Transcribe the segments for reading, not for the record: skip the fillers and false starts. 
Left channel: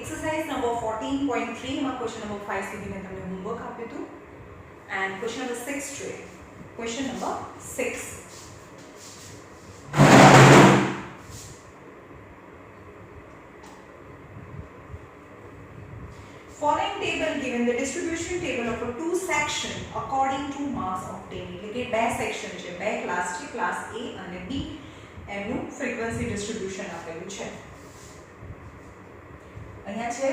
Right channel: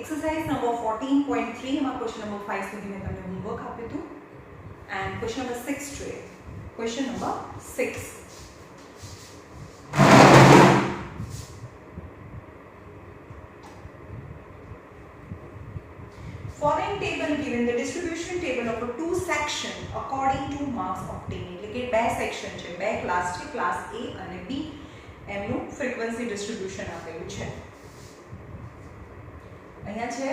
exercise number 14.3 માં question number 5 સુધી મેં તમને homework આપ્યું હતું and question number 6 જોઈએ. Question number 6. Following table given the distribution table of a two section according to marks obtained. એટલે કે બે સેક્શન છે, બે ક્લાસ છે, ક્લાસ A અને B. એમનું ફ્રીક્વન્સી ડિસ્ટ્રીબ્યુશન આપેલું છે. અહીંયા છે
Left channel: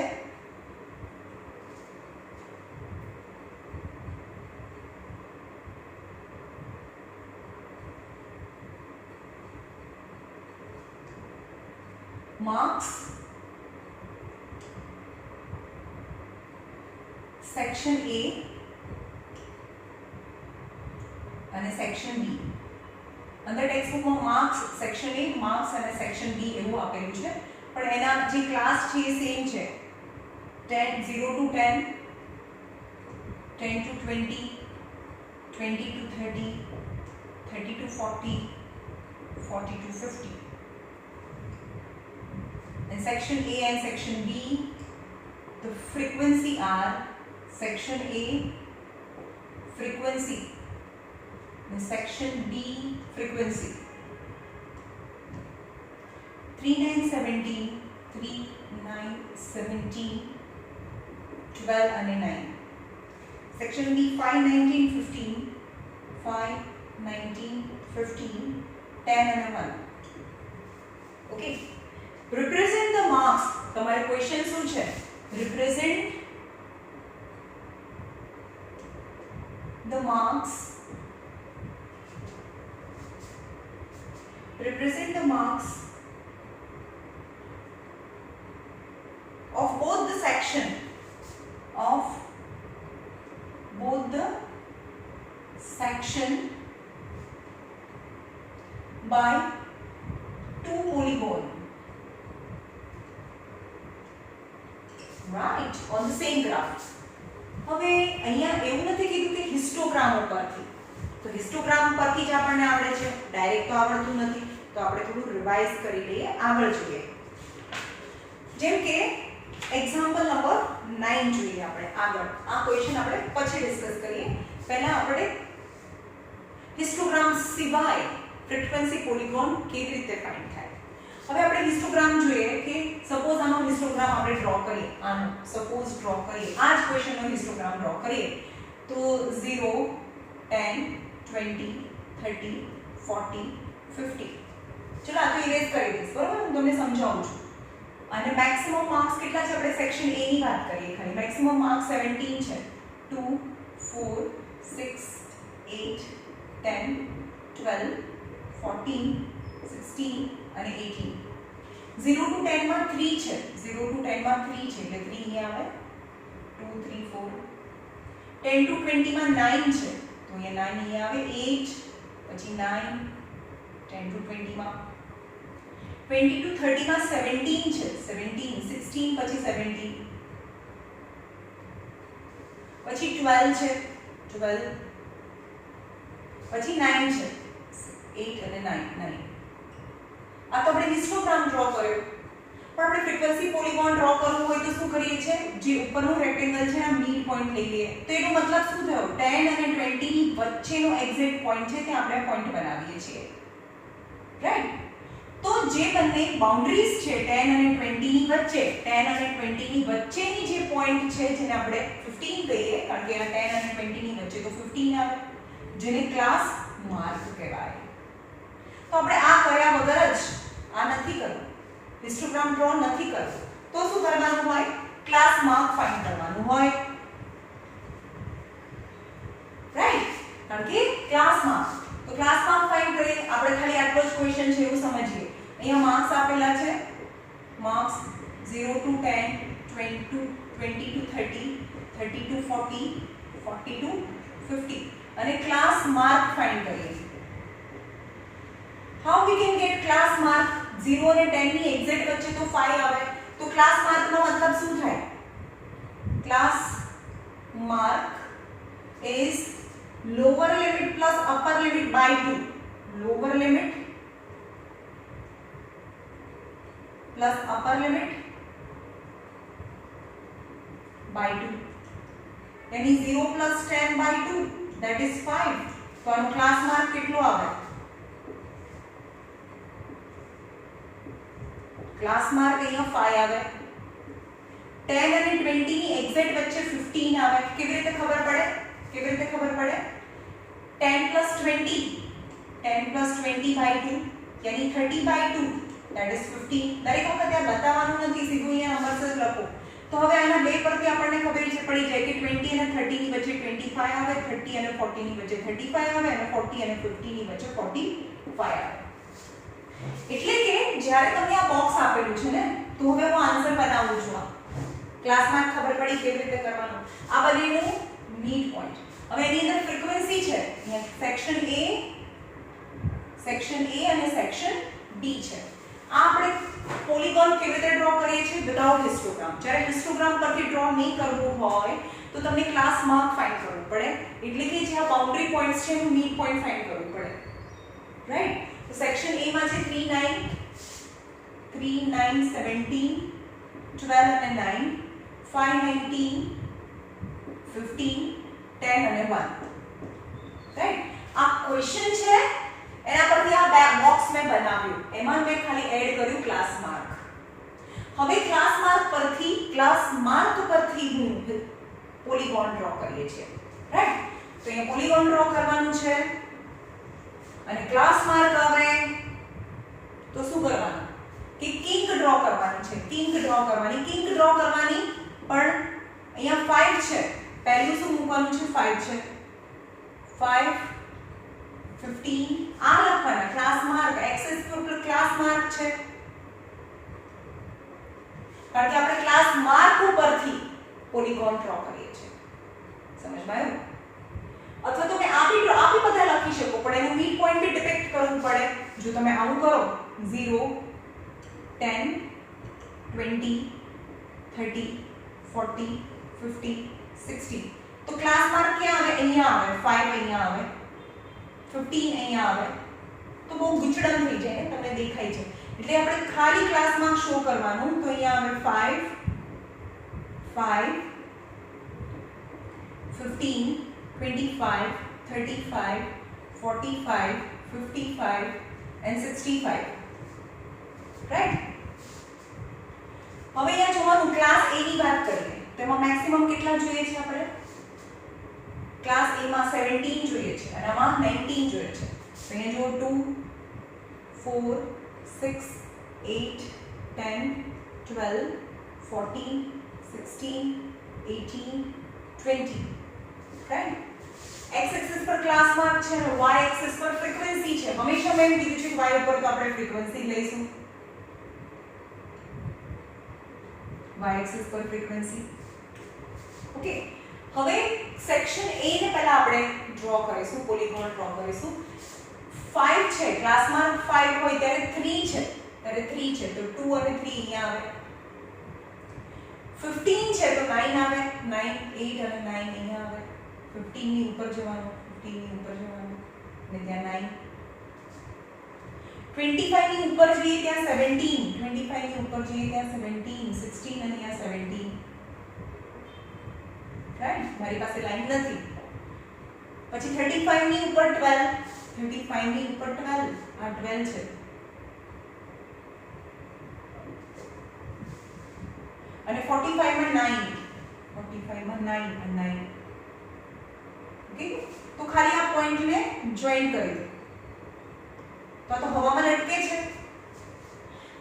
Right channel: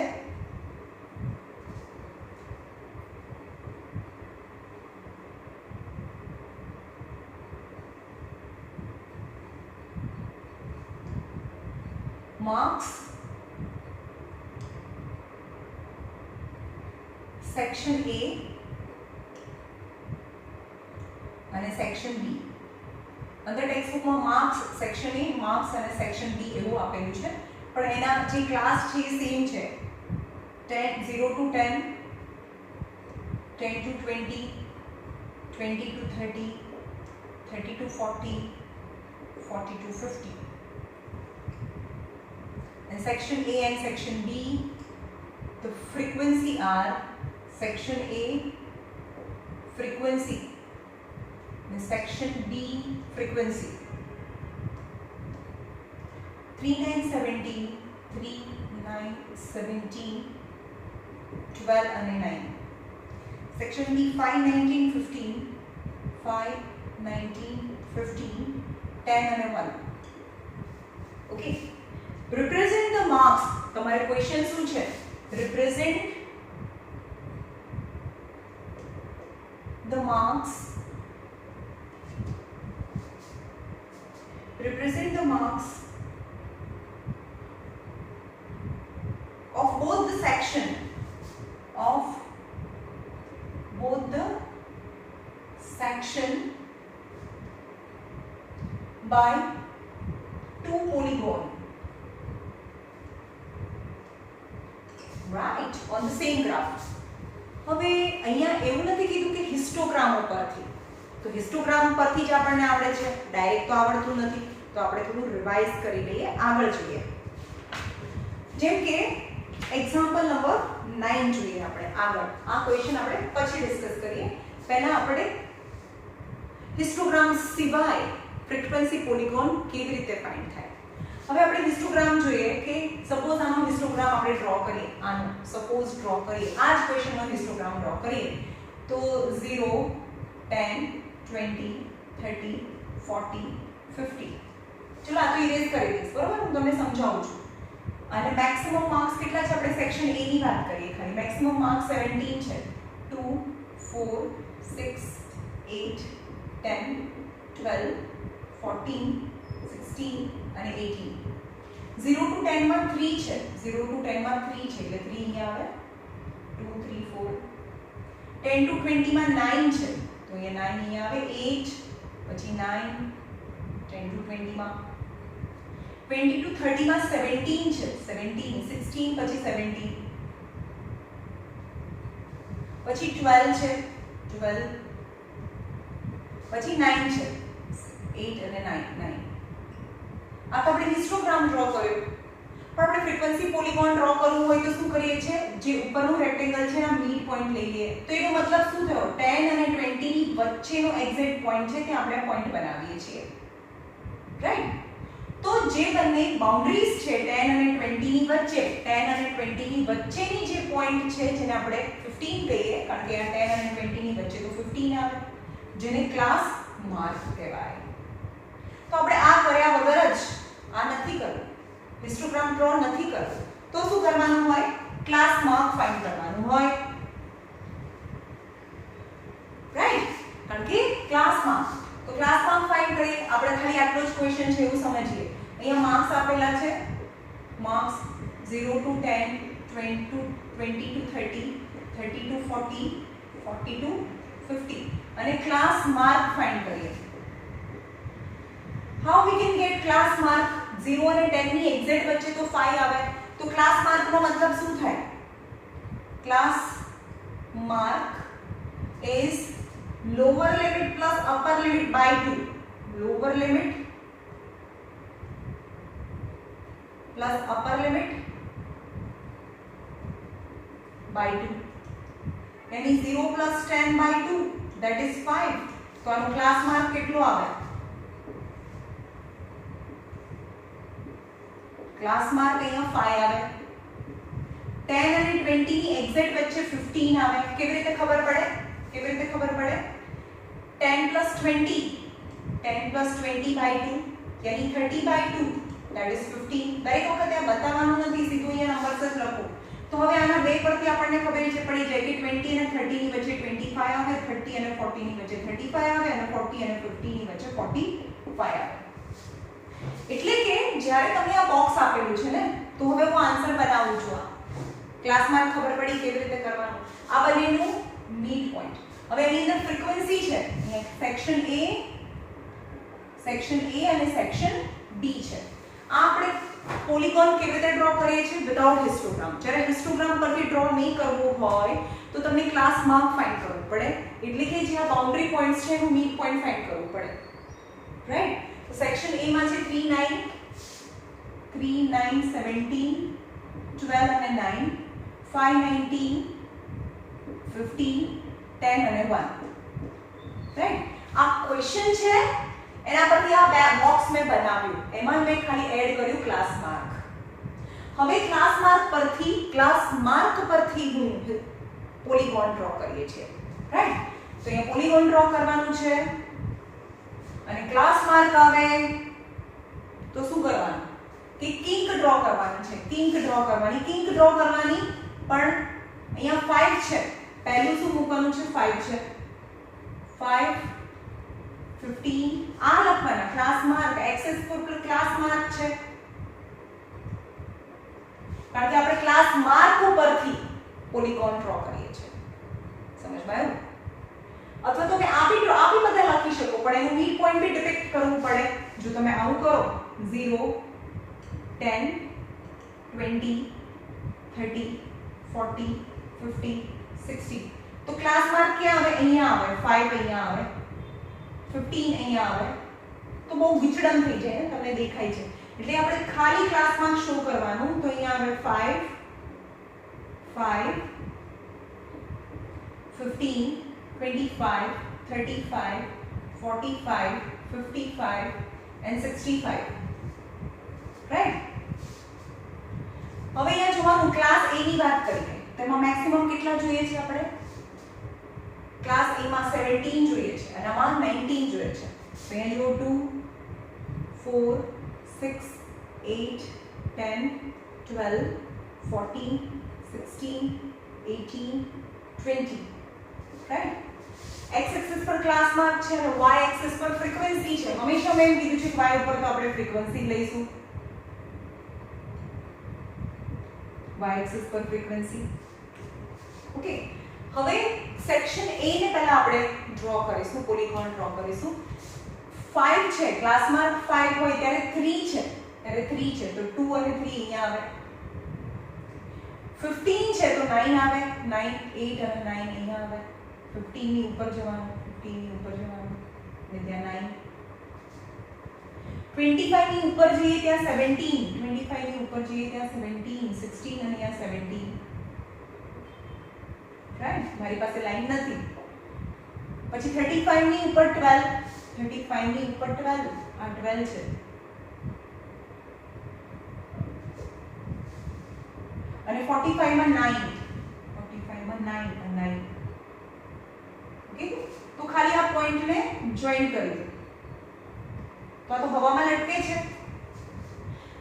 marks section A અને section B. અંદર ટેક્સ્ટ બુકમાં માર્ક્સ સેક્શન A, માર્ક્સ અને સેક્શન B એવું આપેલું છે, પણ એના જે ક્લાસ છે એ સેમ છે. 0 to 10, 10 to 20, 20 to 30, 30 to 40, 40 to 50. And section A and section B, the frequency are section A frequency and section B frequency. 3, 9, 17, 3, 9, 17, 12 and 9. Section B 5, 19, 15, 5, 19, 15, 10 and 1. Okay. Represent the marks. તમારે question શું છે? Represent the marks. Represent the marks of both the section by two polygon, right, on the same graph. હવે અહીંયા એવું નથી કીધું કે histogram ઉપરથી, તો હિસ્ટોગ્રામ પરથી જ આપણને આવડે છે, ડાયરેક્ટ તો આવડતું નથી, તો આપણે થોડું રિવાઇઝ કરી લઈએ, આગળ જોઈએ. જેમ કે એક્ઝામ્પલ નંબર 9 જોઈએ આપણે આગળ. આ ક્વેશ્ચન આપણે પછી ડિસ્કસ કરીએ. પહેલા આપણે હિસ્ટોગ્રામ સિવાય ફ્રીક્વન્સી પોલિગોન કેવી રીતે ફાઇન્ડ થાય. હવે આપણે હિસ્ટોગ્રામ જોઈએ કે સપોઝ આનો હિસ્ટોગ્રામ આપણે ડ્રો કરીએ, આનો સપોઝ ડ્રો કરીએ, આ જ ક્વેશ્ચનનો હિસ્ટોગ્રામ ડ્રો કરીએ તો 0, 10, 20, 30, 40, 50. ચલો આ તો ઇરેઝ કરી દઈશ, બરોબર? હું તમને સમજાવું છું. અને મેક્સિમમ માર્ક્સ કેટલા છે? આપણે સેક્શન A ની વાત કરીએ ખાલી. મેક્સિમમ માર્ક્સ 17 છે. 2, 4, 6, 8, 10, 12, 14, 16 અને 18. 0 to 10 માં 3 છે. 0 to 10 માં 3 છે એટલે 3 અહીંયા આવે. 2, 3, 4. 10 to 20 માં 9 છે તો અહીંયા 9 અહીંયા આવે. 8 પછી 9. 10 to 20 માં 20 to 30 માં 17 છે. 17, 16 પછી 17. પછી 12 છે. 12 પછી 9 છે. 8 અને 9. આ તો આપણે હિસ્ટોગ્રામ ડ્રો કર્યો, પણ આપણે ફ્રીક્વન્સી પોલિગોન ડ્રો કરવું હોય તો શું કરીએ છીએ? જે ઉપરનું રેક્ટેંગલ છે એના મિડ પોઈન્ટ લઈ લઈએ. તો એનો મતલબ શું થયો? 10 અને 20 ની વચ્ચેનો એક્ઝેક્ટ પોઈન્ટ છે ત્યાં આપણે પોઈન્ટ બનાવીએ છીએ, રાઈટ? તો જે બંને બાઉન્ડરીઝ છે 10 અને 20 ની વચ્ચે, 10 અને 20 ની વચ્ચેની જે પોઈન્ટ છે જેને આપણે 15 કહીએ, કારણ કે આ 10 અને 20 ની વચ્ચે તો 15 આવે, જેને ક્લાસ માર્ક કહેવાય. તો આપણે આ કર્યા વગર જ આ નથી કરવું, હિસ્ટોગ્રામ ડ્રો નથી કરવું, તો શું કરવાનું હોય? ક્લાસ માર્ક ફાઇન્ડ કરવાનું હોય, રાઈટ? કારણ કે ક્લાસ માર્ક, તો ક્લાસ માર્ક ફાઇન્ડ કરીએ. આપણે ખાલી આટલો જ ક્વેશ્ચન છે એવું સમજીએ. અહીંયા માર્ક્સ આપેલા છે, marks 0 to 10, 20 to 30, 30 to 40, 40 to 50 અને ક્લાસ માર્ક ફાઇન્ડ કરીએ. How we can get class mark? 0 અને 10 ની એક્ઝેક્ટ વચ્ચે તો 5 આવે, તો ક્લાસ માર્ક નો મતલબ શું થાય? Class mark is lower limit plus upper limit by 2. Lower limit plus upper limit by 2 यानी 0 plus 10 by 2 that is 5 तो આનો ક્લાસ માર્ક કેટલો આવે ક્લાસ માર્ક અહીંયા 5 આવે 10 અને 20 ની એક્ઝેક્ટ વચ્ચે 15 આવે કેવી રીતે ખબર પડે 10 plus 20 by 2 यानी 30 by 2 that is 15 દરેક વખતે આ બતાવવાનું નથી સીધું અહીંયા નંબર્સ જ લખો તો હવે આના બે પરથી આપણને ખબર પડી જાય કે 20 અને 30 ની વચ્ચે 25 આવે 30 અને 40 ની વચ્ચે 35 આવે અને 40 અને 50 ની વચ્ચે 45 આવે એટલે કે જ્યારે તમને આ બોક્સ આપેલું છે ને તો હવે હું આન્સર બનાવું છું આ ક્લાસમાં ખબર પડી કેવી રીતે કરવાનું આ બંનેનું મિડ પોઈન્ટ હવે એની અંદર ફ્રીક્વન્સી છે અહીંયા સેક્શન A અને સેક્શન B છે આ આપણે પોલીગોન કેવી રીતે ડ્રો કરીએ છીએ વિધાઉટ હિસ્ટોગ્રામ જ્યારે હિસ્ટોગ્રામ પરથી ડ્રો નહીં કરવું હોય તો તમને ક્લાસ માર્ક ફાઇન્ડ કરવું પડે એટલે કે જે આ બાઉન્ડરી પોઈન્ટ્સ છે એનું મિડ પોઈન્ટ ફાઇન્ડ કરવું પડે રાઈટ તો સેક્શન A માં છે 3 9 17 12 અને 9 5 19 15 10 અને 1 રાઈટ આ ક્વેશ્ચન છે એના પરથી આ બોક્સ મેં બનાવ્યું એમાં મેં ખાલી એડ કર્યું ક્લાસ માર્ક હવે ક્લાસ માર્ક પરથી હું પોલીગોન ડ્રો કરીએ છીએ રાઈટ તો અહીંયા પોલીગોન ડ્રો કરવાનું છે અને ક્લાસ માર્ક આવે તો શું કરવાનું કે કિંક ડ્રો કરવાની છે કિંક ડ્રો કરવાની પણ અહીંયા 5 છે પહેલું શું મૂકવાનું છે 5 છે 5 15 આ લખવાના ક્લાસ માર્ક એક્સેસ પર ક્લાસ માર્ક છે કારણ કે આપણે ક્લાસ માર્ક ઉપરથી પોલીગોન ડ્રો કરીએ છીએ સમજમાં આવ્યું અથવા તો તમે આપી બધા લખી શકો પણ એનું મિડ પોઈન્ટ બી ડિપેક્ટ કરવું પડે જો તમે આવું કરો 0 10 20 30 40 50 60 તો ક્લાસ માર્ક ક્યાં આવે અહીંયા આવે 5 અહીંયા આવે 15 અહીંયા આવે તો બહુ વિચલન થઈ જાય ને તમને દેખાય છે એટલે આપણે ખાલી ક્લાસમાં શો કરવાનું તો અહીંયા આવે 5 15 25 35 45 55 and 65 રાઈટ હવે અહીંયા જોવાનું ક્લાસ A ની વાત કરીએ તો એમાં મેક્સિમમ કેટલા જોઈએ છે આપણે ક્લાસ A માં 17 જોઈએ છે અને આમાં 19 જોઈએ છે તો અહીંયા જો 2 4 6 8 10 12 14 16 18 20 રાઈટ x एक्सिस पर क्लास मार्क છે અને y एक्सिस पर ફ્રીક્વન્સી છે હંમેશા મેં કીધું છે કે y ઉપર તો આપણે ફ્રીક્વન્સી લઈશું y एक्सिस पर ફ્રીક્વન્સી ઓકે હવે સેક્શન A ને પહેલા આપણે ડ્રો કરીશું પોલીગોન ડ્રો કરીશું 5 છે ક્લાસ માર્ક 5 હોય ત્યારે 3 છે તો 2 અને 3 અહીંયા આવે 15 છે તો 9 આવે 9 8 અને 9 અહીંયા આવે 15 ની ઉપર જવાનું અને ત્યાં 9 25 ની ઉપર જઈએ ત્યાં 17 25 ની ઉપર જઈએ ત્યાં 17 16 અને અહીંયા 17 રાઈટ મારી પાસે લાઈન નથી પછી 35 ની ઉપર 12 35 ની ઉપર 12 આ 12 છે અને 45 માં 9 અને 9 ઓકે તો ખાલી આ પોઈન્ટને જોઈન કરી દો તો આ તો હવામાં લટકે છે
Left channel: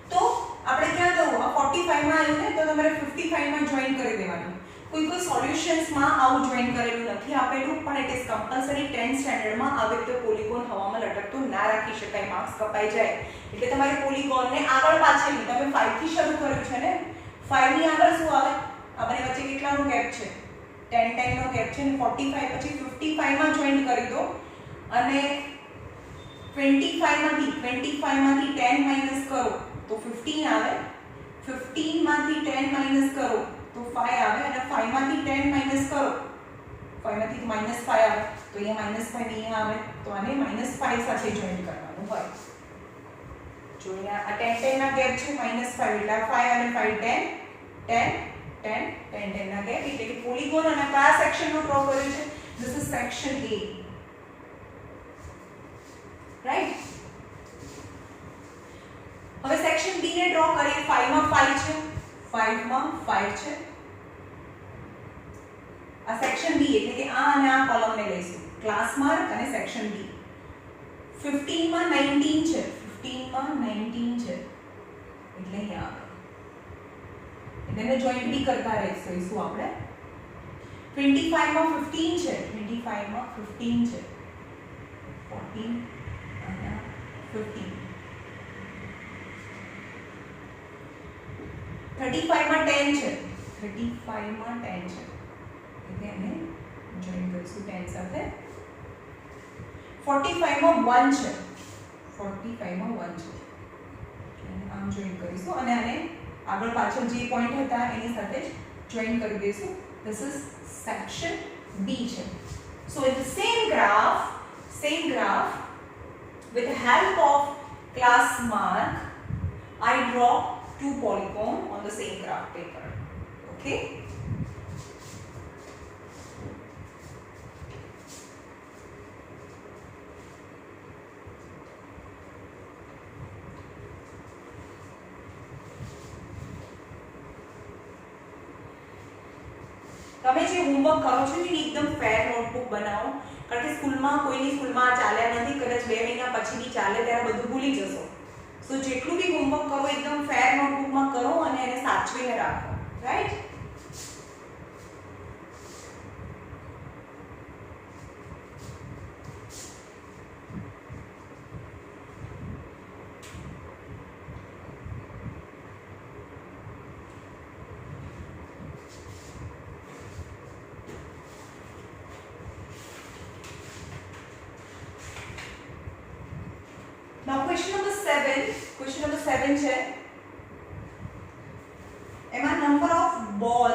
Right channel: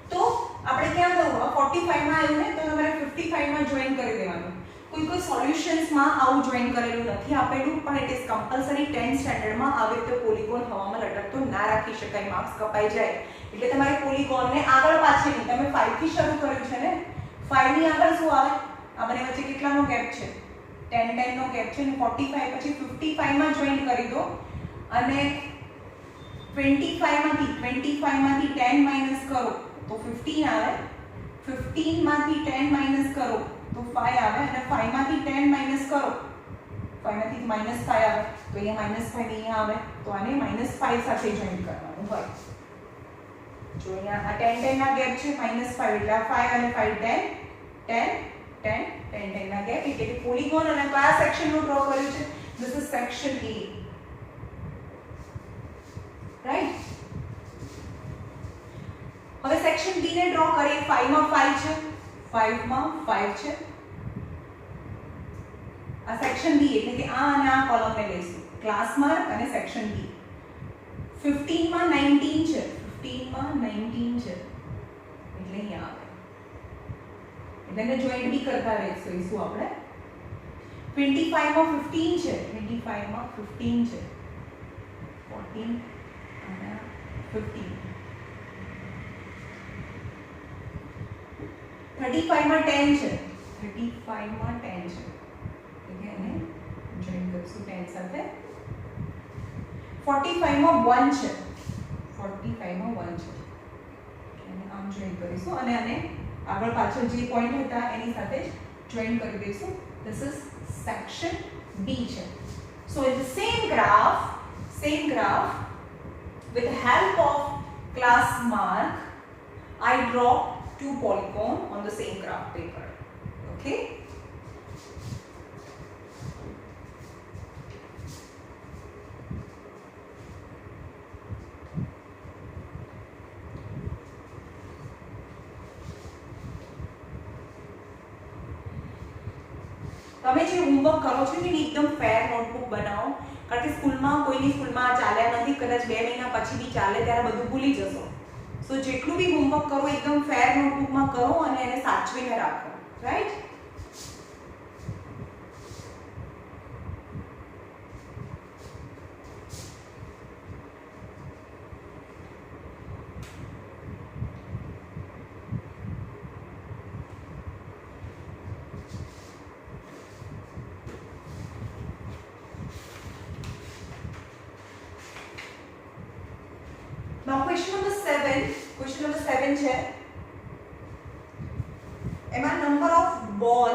તો આપણે ક્યાં જવું આ 45 માં આવ્યું ને તો તમારે 55 માં જોઈન કરી દેવાનું કોઈ સોલ્યુશન્સ માં આવું જોઈન કરેલું નથી આપેલું પણ it is compulsory 10th standard માં આવી રીતે પોલીગોન હવામાં લટકતો ના રાખી શકાય માર્ક્સ કપાઈ જાય એટલે તમારે પોલીગોન ને આગળ પાછળની તમે 5 થી શરૂ કર્યું છે ને 5 ની આગળ શું આવે આ બંને વચ્ચે કેટલાનો ગેપ છે 10 નો ગેપ છે ને 45 પછી 55 માં જોઈન કરી દો અને 25 માંથી 10 માઈનસ કરો તો 15 આવે 15 માંથી 10 માઈનસ કરો તો 5 આવે અને 5 માંથી 10 માઈનસ કરો 5 માંથી -5 આવે તો અહીંયા -5 અહીંયા આવે તો આને -5 સાથે જોઈન કરવાનું હોય જો અહીંયા આ 10 ના ગેપ છે -5 એટલે 5 અને 5 10 10 10 10 ના ગેપ એટલે કે પોલીગોન અને કયા સેક્શન નું ડ્રો કર્યું છે this is section A right હવે સેક્શન B ને ડ્રો કરીએ 5 માં 5 છે 5 માં 5 છે આ સેક્શન B એટલે કે આ અને આ કોલમ ને લઈશું ક્લાસ માર્ક અને સેક્શન B 15 માં 19 છે 15 માં 19 છે એટલે અહીંયા આગળ એને જોઈન્ટ બી કરતા રહીશું શું આપણે 25 માં 15 છે 25 માં 15 છે 14 અને 15 35 માં 10 છે 35 માં 10 છે એટલે એને જોઈન્ટ કરીશું 10 સાથે 45 માં 1 છે 45 માં 1 છે અને આમ જોઈન્ટ કરીશું અને આને આગળ પાછળ જે પોઈન્ટ હતા એની સાથે જ જોઈન્ટ કરી દઈશું this is section B છે so in the same graph with the help of class mark I draw two polygon on the same graph paper okay તમે જે હોમવર્ક કરો છો ને એકદમ ફેર નોટબુક બનાવો કારણ કે કોઈની સ્કૂલમાં ચાલ્યા નથી કદાચ 2 મહિના પછી બી ચાલે ત્યારે બધું ભૂલી જશો તો જેટલું બી હોમવર્ક કરો એકદમ ફેર નોટબુકમાં કરો અને એને સાચવીને રાખો રાઈટ Now question number 7 છે એમાં number of ball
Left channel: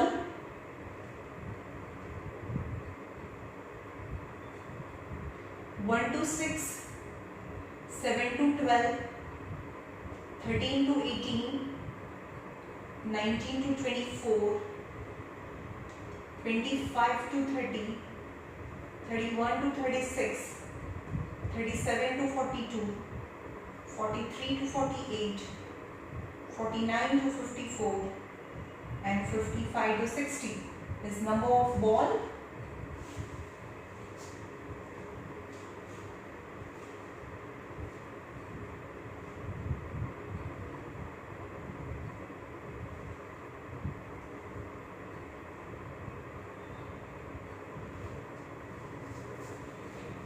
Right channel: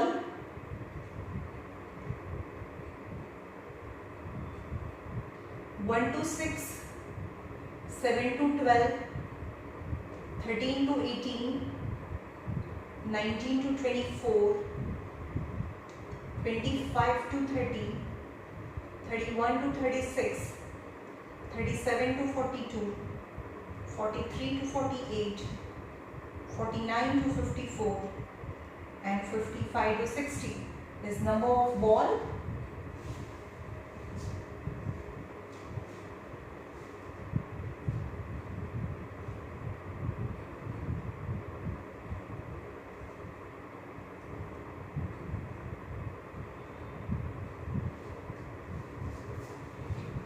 1 to 6 7 to 12 13 to 18 19 to 24 25 to 30 31 to 36 37 to 42 43 to 48, 49 to 54, and 55 to 60 is number of ball.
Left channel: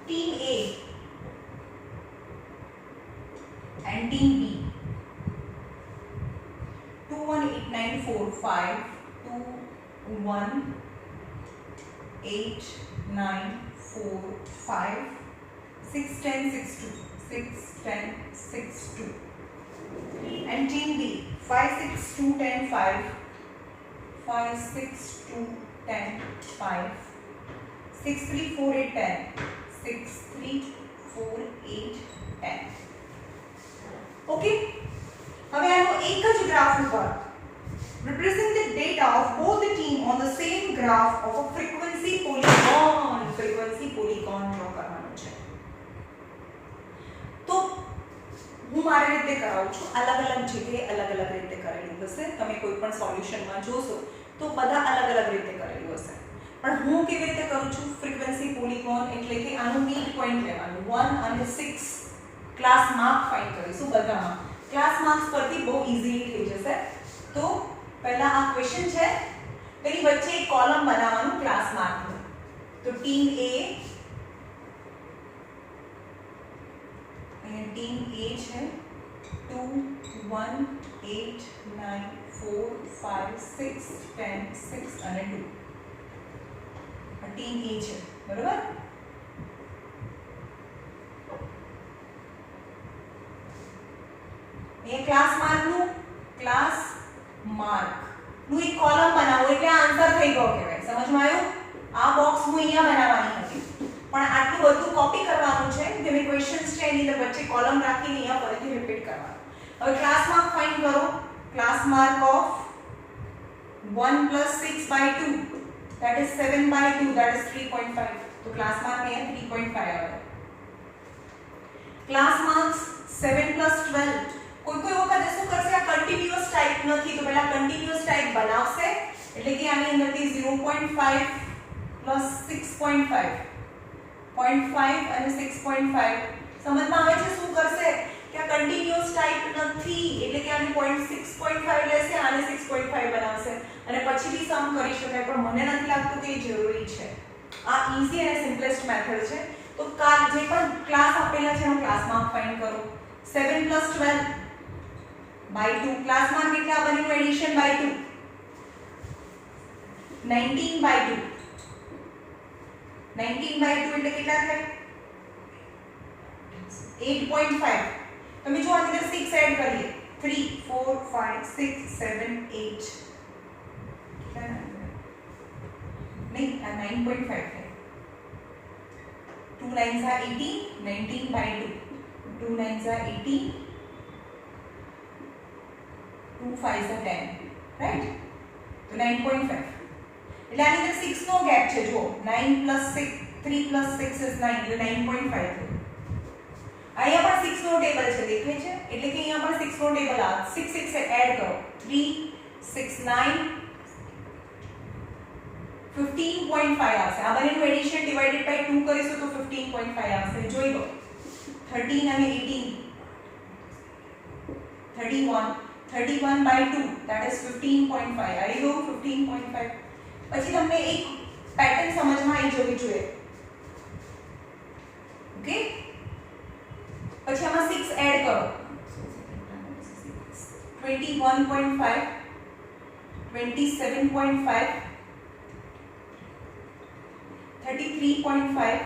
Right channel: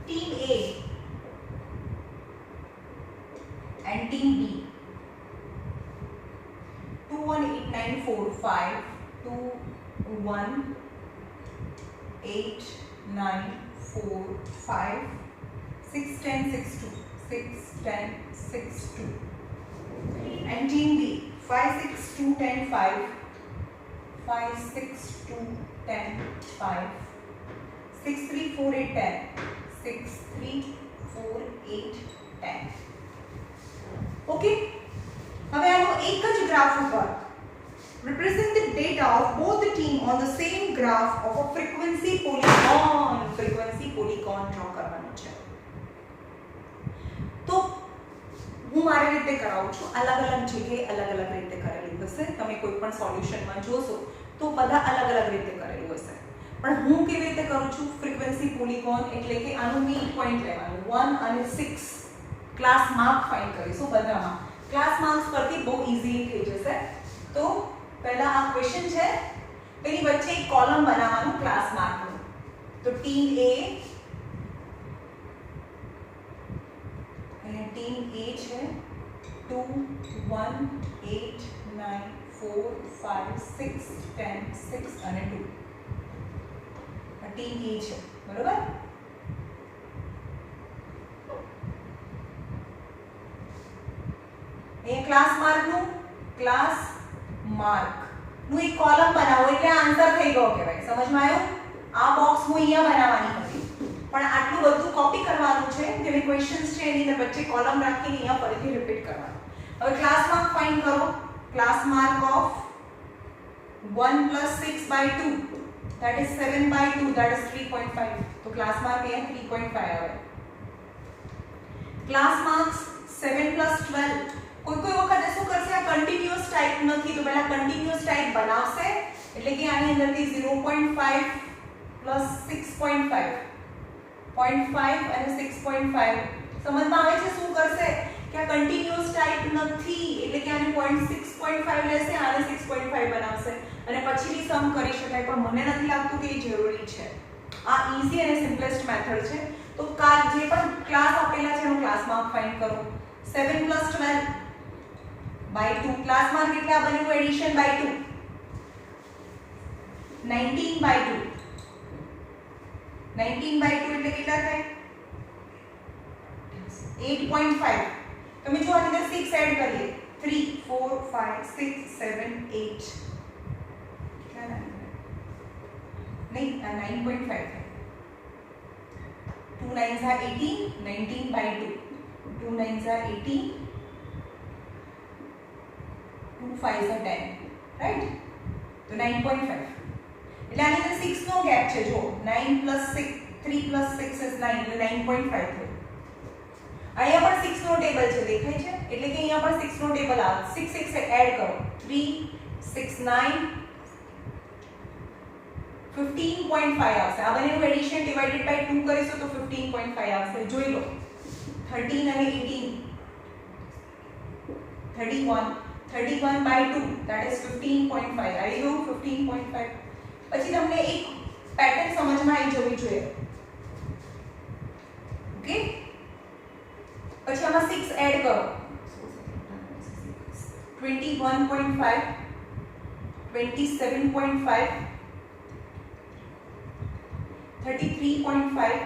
Team A and team B 218945 218945 61062 61062 and team D 56210 56210 63410 63410 okay હવે આનો એક જ graph ઉપર represent the data of both the team on the same graph of a frequency polygon draw કરવાનો છે તો હું મારી રીતે કરાવું છું અલગ અલગ જગ્યાએ અલગ અલગ રીતે કરેલું હશે તમે કોઈ પણ સોલ્યુશનમાં જોશો તો બધા અલગ અલગ રીતે કરેલું હશે પણ હું કેવી રીતે કરું છું ફ્રીક્વન્સી પોલીગોન એટલે કે આનું મીડ પોઈન્ટ લેવાનું 1 અને 6 ક્લાસ માર્ક ફાઇન્ડ કરીશું બધામાં ક્લાસ માર્ક્સ પરથી બહુ ઈઝીલી થઈ જશે તો પહેલા આ ક્વેશ્ચન છે તેની વચ્ચે એક કોલમ બનાવવાનું ક્લાસ માર્કનું તો ટીમ A અને ટીમ A છે 2 1 8 9 4 5 6 10 6 અને 2 આ ટીમ A છે બરોબર ये क्लास मार्क નું એક કોલમ બનાવો એટલે આન્સર થઈ ગયો કહેવાય સમજમાં આવ્યું આ બોક્સ હું અહીંયા બનાવવાની હતી પણ આટલું બધું કોપી કરવાનું છે જે મે ક્વેશ્ચન્સ છે એની અંદર વચ્ચે કોલમ રાખીને અહીંયા ફરીથી રિપીટ કરવાનું હવે ક્લાસ માર્ક ફાઇન્ડ કરો class mark of B 1 plus 6 by 2 that is 7 by 2 that is 3.5 तो क्लास मार्क ये 3.5 આવે ક્લાસ માર્ક્સ 7 plus 12 કોઈ વખત શું કરશે આ કન્ટીન્યુઅસ ટાઈપ નથી તો પહેલા કન્ટીન્યુઅસ ટાઈપ બનાવશે એટલે કે આની અંદરથી 0.5 plus 6.5 0.5 અને 6.5 સમજમાં આવે છે શું કરશે કે આ કન્ટીન્યુઅસ ટાઈપ નથી એટલે કે આને 6.5 લેશે આને 6.5 બનાવશે અને પછીથી સમ કરી શકાય પણ મને નથી લાગતું કે એ જરૂરી છે આ ઈઝી અને સિમ્પલેસ્ટ મેથડ છે તો જે પણ ક્લાસ આપેલા છે એનો ક્લાસ માર્ક ફાઇન્ડ કરો 7 plus 12 by 2 ક્લાસ માર્ક કેટલા બન્યું એડિશન by 2 19 by 2 19 by 2 એટલે કેટલા થાય 8.5 તમે જો આની અંદર 6 એડ કરીએ 3 4 5 6 7 8 કેટલા નહીં આ 9.5 है 2 9s are 18 19 by 2 2 9s are 18 2 5s are 10 right तो 9.5 એટલે આની અંદર 6 નો ગેપ છે જો 9 plus 6 3 plus 6 is 9 એટલે 9.5 થયું અહીંયા પણ 6 નો ટેબલ છે દેખાય છે એટલે કે અહીંયા પણ 6 નો ટેબલ આવે 6 6 એડ કરો 3 6 9 15.5 આવશે આ બંનેનું એડિશન ડિવાઇડેડ બાય 2 કરીશું તો 15.5 આવશે જોઈ લો 13 અને 18 31 by 2 that is 15.5 આવી ગયું 15.5 પછી તમને એક પેટર્ન સમજમાં આવી જવી જોઈએ ઓકે પછી આમાં 6 એડ કરો 21.5 27.5 33.5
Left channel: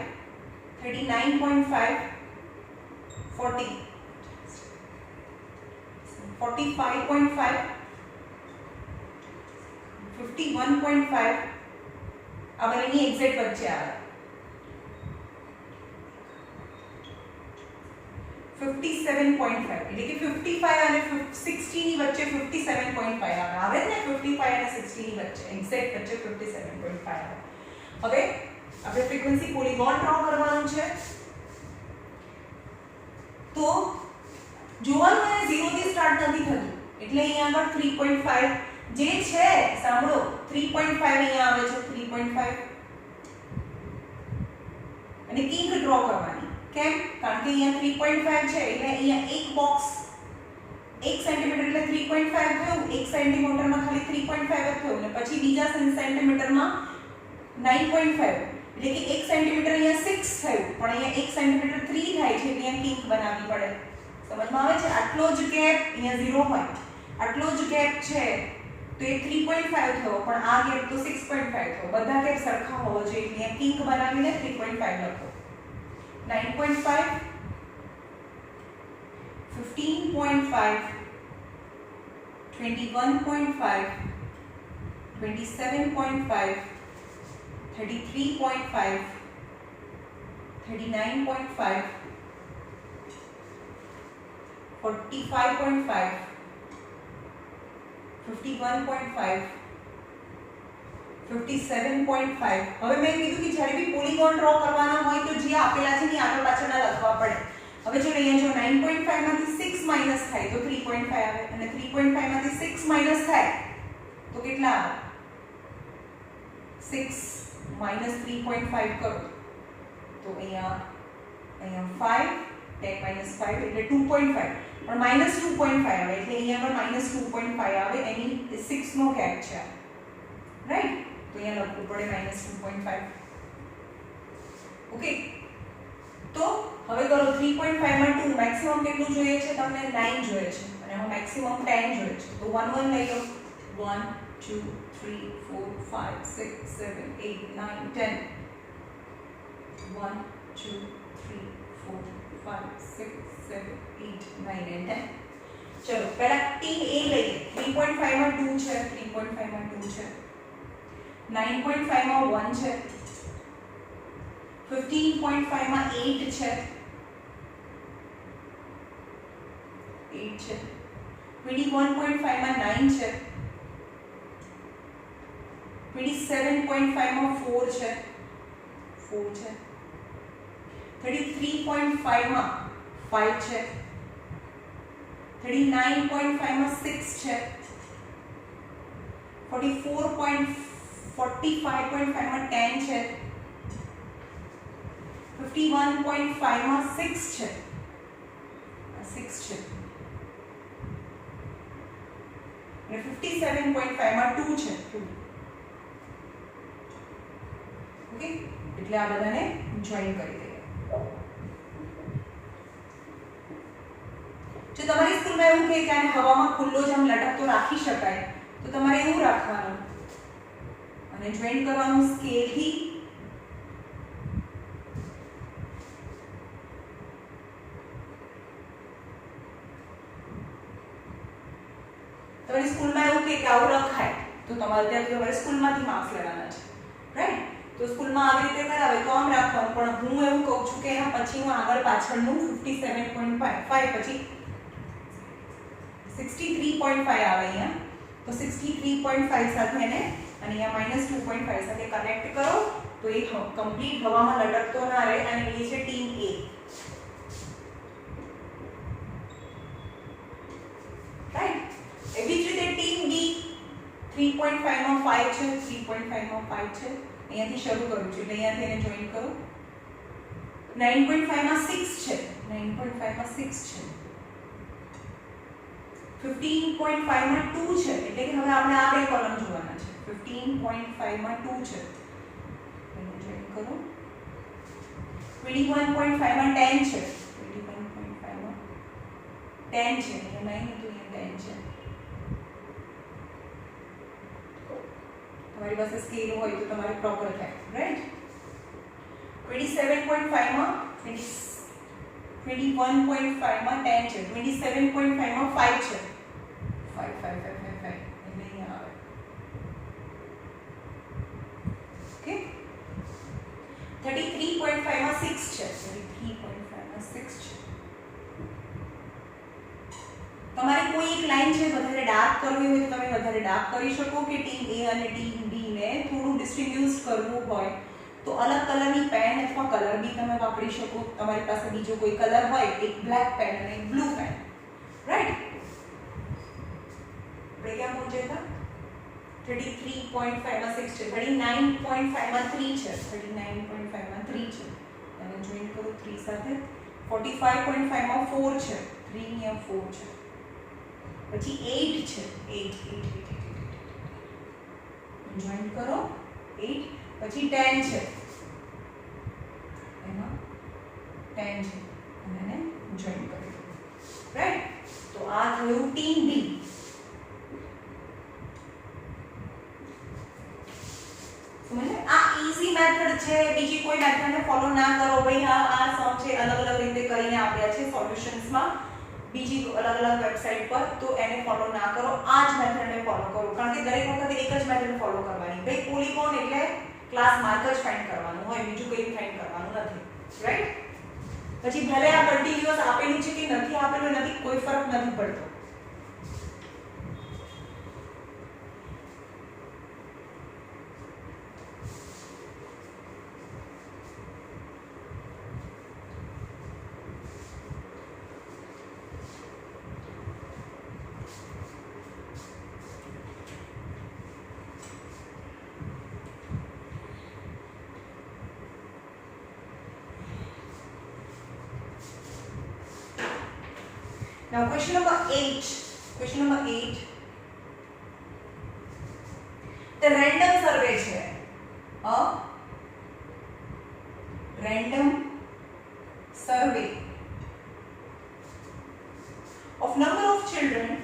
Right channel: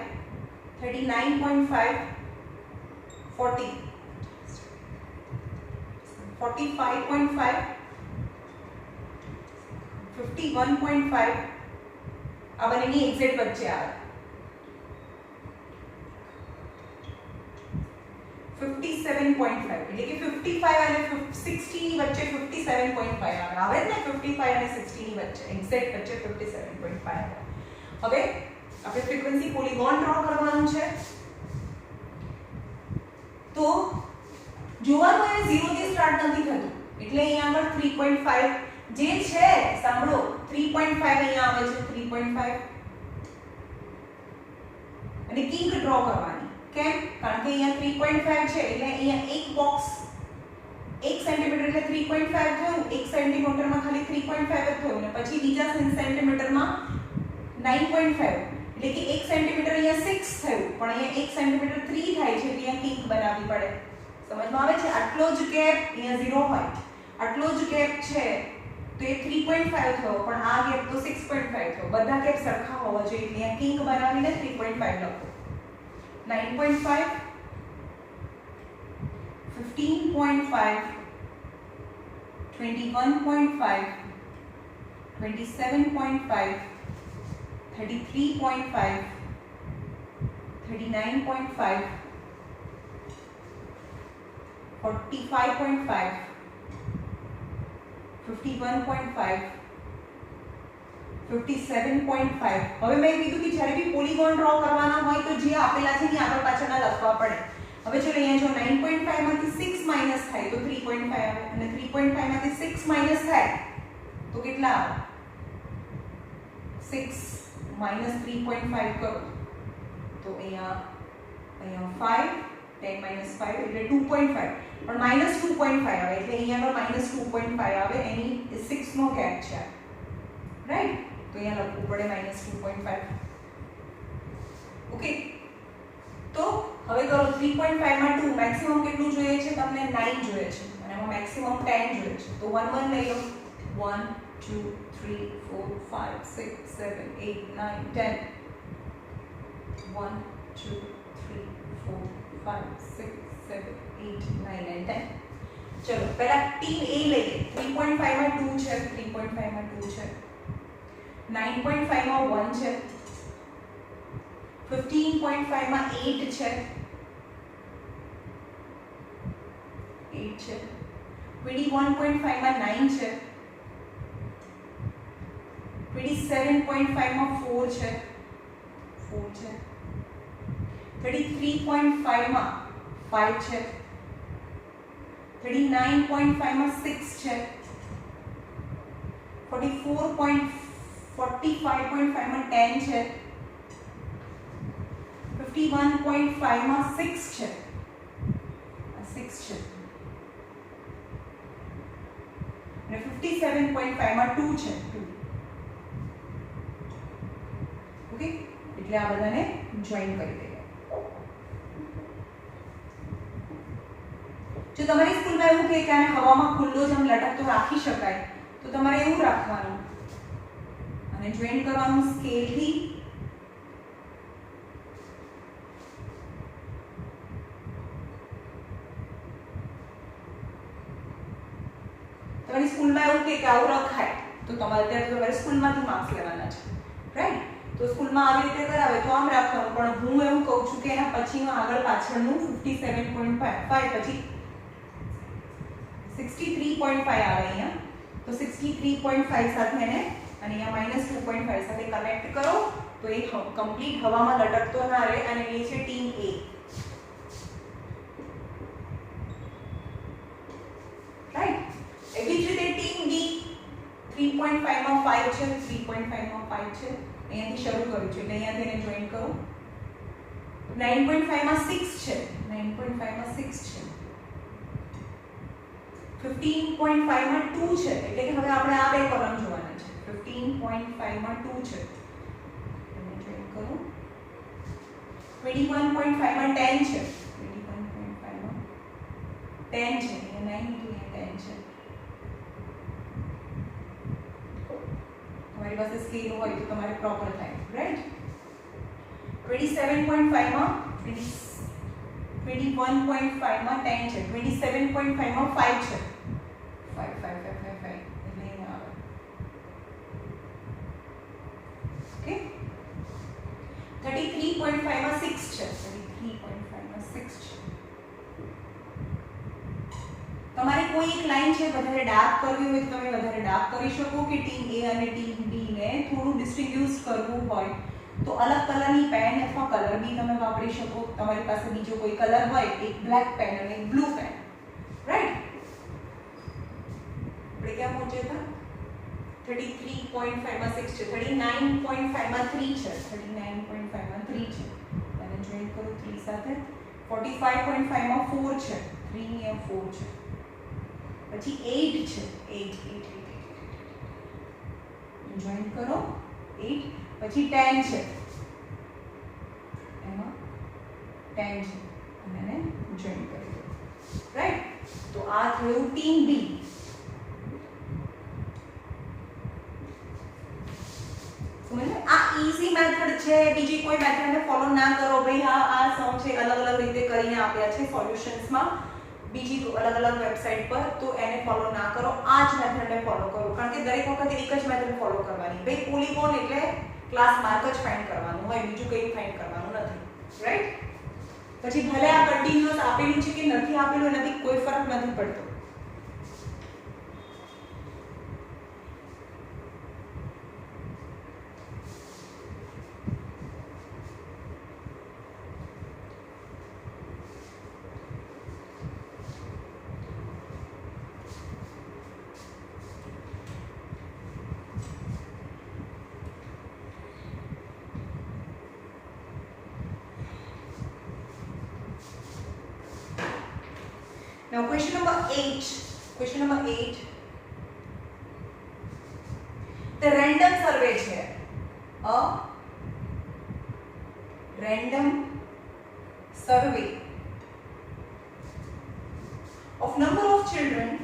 39.5 40 45.5 51.5 આ બંનેની એક્ઝેક્ટ વચ્ચે આવે 57.5 એટલે કે 55 અને 60 ની વચ્ચે 57.5 આવે ને 55 અને 60 ની વચ્ચે એક્ઝેક્ટ વચ્ચે 57.5 આવે હવે આપણે ફ્રીક્વન્સી પોલીગોન ડ્રો કરવાનું છે તો જોવાનું અને 0 થી સ્ટાર્ટ નથી થતું એટલે અહીંયા આગળ 3.5 જે છે સાંભળો 3.5 અહીંયા આવે છે 3.5 અને કિંક ડ્રો કરવાની કેમ કારણ કે અહીંયા 3.5 છે એટલે અહીંયા એક બોક્સ 1 સેન્ટીમીટર એટલે 3.5 થયું 1 સેન્ટીમીટરમાં ખાલી 3.5 જ થયું અને પછી બીજા સેન્ટીમીટરમાં 9.5 એટલે કે 1 સેન્ટીમીટર અહીંયા 6 થયું પણ અહીંયા 1 સેન્ટીમીટર 3 થાય છે એટલે અહીંયા કિંક બનાવવી પડે સમજમાં આવે છે આટલો જ ગેપ અહીંયા 0 હોય આટલો જ ગેપ છે તો એ 3.5 થયો પણ આ ગેપ તો 6.5 થયો બધા ગેપ સરખા હોવા જોઈએ એટલે અહીંયા કિંક બનાવીને 3.5 લખો 9.5 15.5 21.5 27.5 33.5 39.5 45.5 51.5 57.5 હવે મેં કીધું કે જ્યારે બી પોલીગોન ડ્રો કરવાના હોય તો જે આપેલા છે એ આગળ પાછળના લખવા પડે હવે જો અહીંયા જો 9.5 માંથી 6 માઈનસ થાય તો 3.5 આવે અને 3.5 માંથી 6 માઈનસ થાય તો કેટલા આવે 6 minus 3.5 કરો તો અહીંયા 5 10 minus 5 એટલે 2.5 પણ minus 2.5 આવે એટલે અહીંયા આગળ minus 2.5 આવે એની 6 નો ગેપ છે રાઈટ તો અહીંયા લખવું પડે minus 2.5 ઓકે તો હવે કરો 3.5 માં 2 મેક્સિમમ કેટલું જોઈએ છે તમને 9 જોઈએ છે અને આમાં મેક્સિમમ 10 જોઈએ છે તો 1 1 લઈ લો 1 2 3 4 5 6 7 8 9 10 1 2 3 4 5 6 7 8 9 and 10 ચલો પહેલા ટીમ A લઈએ 3.5 માં 2 છે 3.5 માં 2 છે 9.5 માં 1 છે 15.5 માં 8 છે 8 છે 21.5 માં 9 છે 27.5 માં 4 છે 4 છે 33.5 માં 5 છે 39.5 માં 6 છે 45.5 માં 10 છે 51.5 માં 6 છે 6 છે અને 57.5 માં 2 છે 2 ઓકે એટલે આ બધાને જોઈન કરી દઈએ જો તમારી સ્કૂલમાં એવું કહે કે આને હવામાં ખુલ્લો જ આમ લટકતો રાખી શકાય તો તમારે એવું રાખવાનું અને જોઈન કરવાનું સ્કેલથી તમારી સ્કૂલમાં એવું કે આવું રખાય તો તમારે ત્યાં તમારે સ્કૂલમાંથી માર્ક્સ લેવાના છે રાઈટ તો સ્કૂલમાં આવી રીતે કરાવે તો આમ રાખવાનું પણ હું એવું કહું છું કે એના પછીનું આગળ પાછળનું 57.5 પછી 63.5 આવે અહીંયા તો 63.5 સાથે એને અને અહીંયા -2.5 સાથે કનેક્ટ કરો તો એ કમ્પ્લીટ હવામાં લટકતો ના રહે અને એ છે ટીમ A રાઈટ એવી જ રીતે ટીમ B 3.5 માં 5 છે 3.5 માં 5 છે અહીંયાથી શરૂ કરું છું એટલે અહીંયાથી એને જોઈન કરો 9.5 માં 6 છે 9.5 માં 6 છે 15.5 માં 2 છે એટલે કે હવે આપણે આ બે કોલમ જોવાના છે 15.5 માં 2 છે એને જોઈન કરો 21.5 માં 10 છે 21.5 માં 10 છે એટલે 9 into 10 છે તમારી પાસે સ્કેલ હોય તો તમારે પ્રોપર થાય રાઈટ 27.5 માં 21.5 માં 10 છે 27.5 માં 5 છે 5 એટલે અહીંયા આવે ઓકે 33.5 માં 6 છે 33.5 માં 6 છે તમારે કોઈ એક લાઈન છે વધારે ડાર્ક કરવી હોય તો તમે વધારે ડાર્ક કરી શકો કે ટીમ A અને ટીમ B ને થોડું ડિસ્ટ્રીબ્યુટ કરવું હોય તો અલગ કલરની પેન અથવા કલર બી તમે વાપરી શકો તમારી પાસે બીજો કોઈ કલર હોય એક બ્લેક પેન અને એક બ્લુ પેન રાઈટ આપણે ક્યાં પહોંચ્યા હતા 33.5 માં 6 છે 39.5 માં 3 છે 39.5 માં 3 છે અને જોઈન કરો 3 સાથે 45.5 માં 4 છે 3 અહીંયા 4 છે પછી 8 છે 8 જોઈન કરો 8 પછી 10 છે એમાં 10 છે અને જોઈન કરી દો રાઈટ તો આ થયું ટીમ બી સમજે આ ઈઝી મેથડ છે બીજી કોઈ મેથડને ફોલો ના કરો ભાઈ આ સમ છે અલગ અલગ રીતે કરીને આપ્યા છે સોલ્યુશન્સમાં બીજી અલગ અલગ વેબસાઈટ પર તો એને ફોલો ના કરો આ જ મેથડને ફોલો કરો કારણ કે દરેક વખતે એક જ મેથડ ફોલો કરવાની ભાઈ પોલીગોન એટલે ક્લાસ માર્ક જ ફાઇન્ડ કરવાનું હોય બીજું કંઈ ફાઇન્ડ કરવાનું નથી રાઈટ પછી ભલે આ કન્ટિન્યુઅસ આપેલું છે કે નથી આપેલું નથી કોઈ ફરક નથી પડતો Now question number 8. Question number 8. The random survey है. A random survey of number of children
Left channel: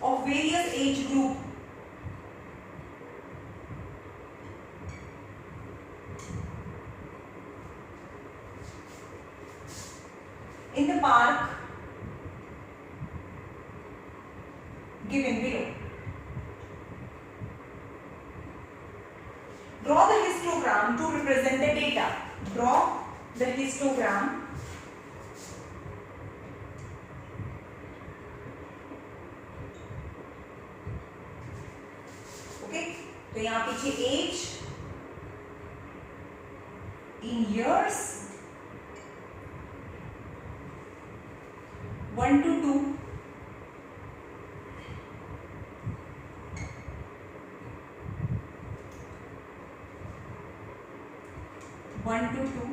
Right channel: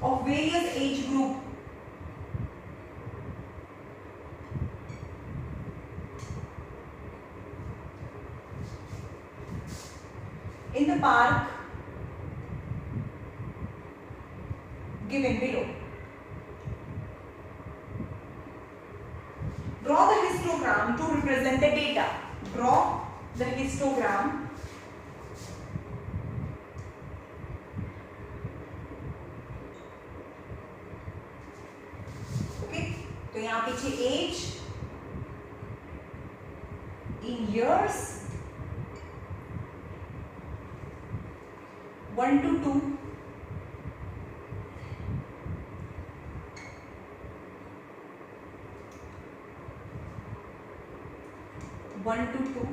of various age group in the park given below. Draw the histogram to represent the data. Draw the histogram અહીંયા આપી છે એજ in years 1 to 2, 1 to 2,